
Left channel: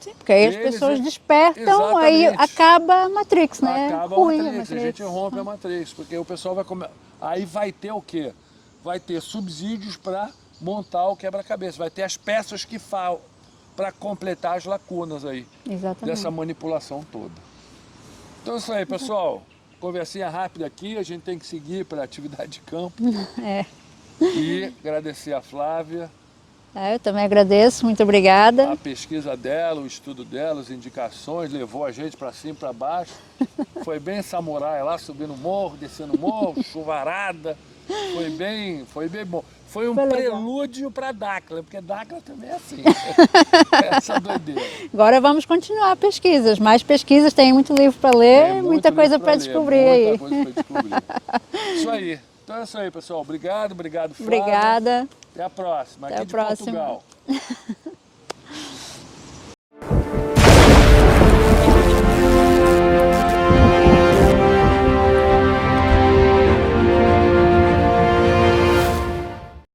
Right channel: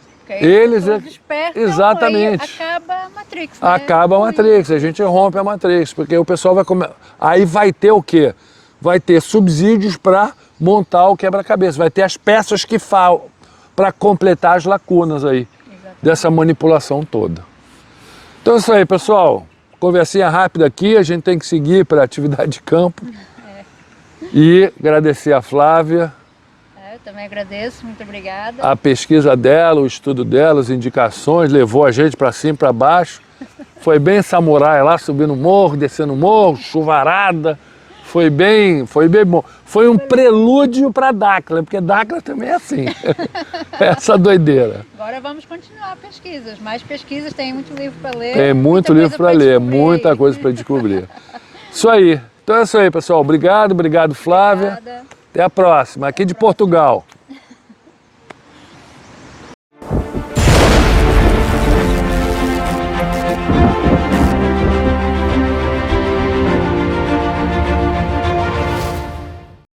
Sim, porque aí as pessoas despertam, exatamente. Aí acaba a Matrix, né? Acaba a Matrix, a gente rompe a Matrix, porque o pessoal vai comer. Aí vai ter o quê? Vai ter subsídios para montar o quebra-cabeça, vai ter as peças que faltam para completar as lacunas aí, dessa manipulação toda. Então é isso aí, pessoal. Conversinha rápida aqui, a gente tem que seguir para a atividade de campo. E agradecer a Flávia. Eu também agradeço, muito obrigada. A pesquisa dela, o estudo dela, as indicações, levou a gente para cima e para baixo. Foi bem samurai lá, subindo o morro, descendo o morro, chuvarada. Foi bem bom. Foi um prelúdio para Dáquila, porque Dáquila também é assim. Essa doideira. Agora vamos continuar pesquisas, mais pesquisas, tem muito livro para ler. Tem muito livro para ler, muita coisa para descobrir. Isso aí. Então é isso aí, pessoal. Obrigado, Flávia. Obrigada. Até a próxima, aqui de Portugal.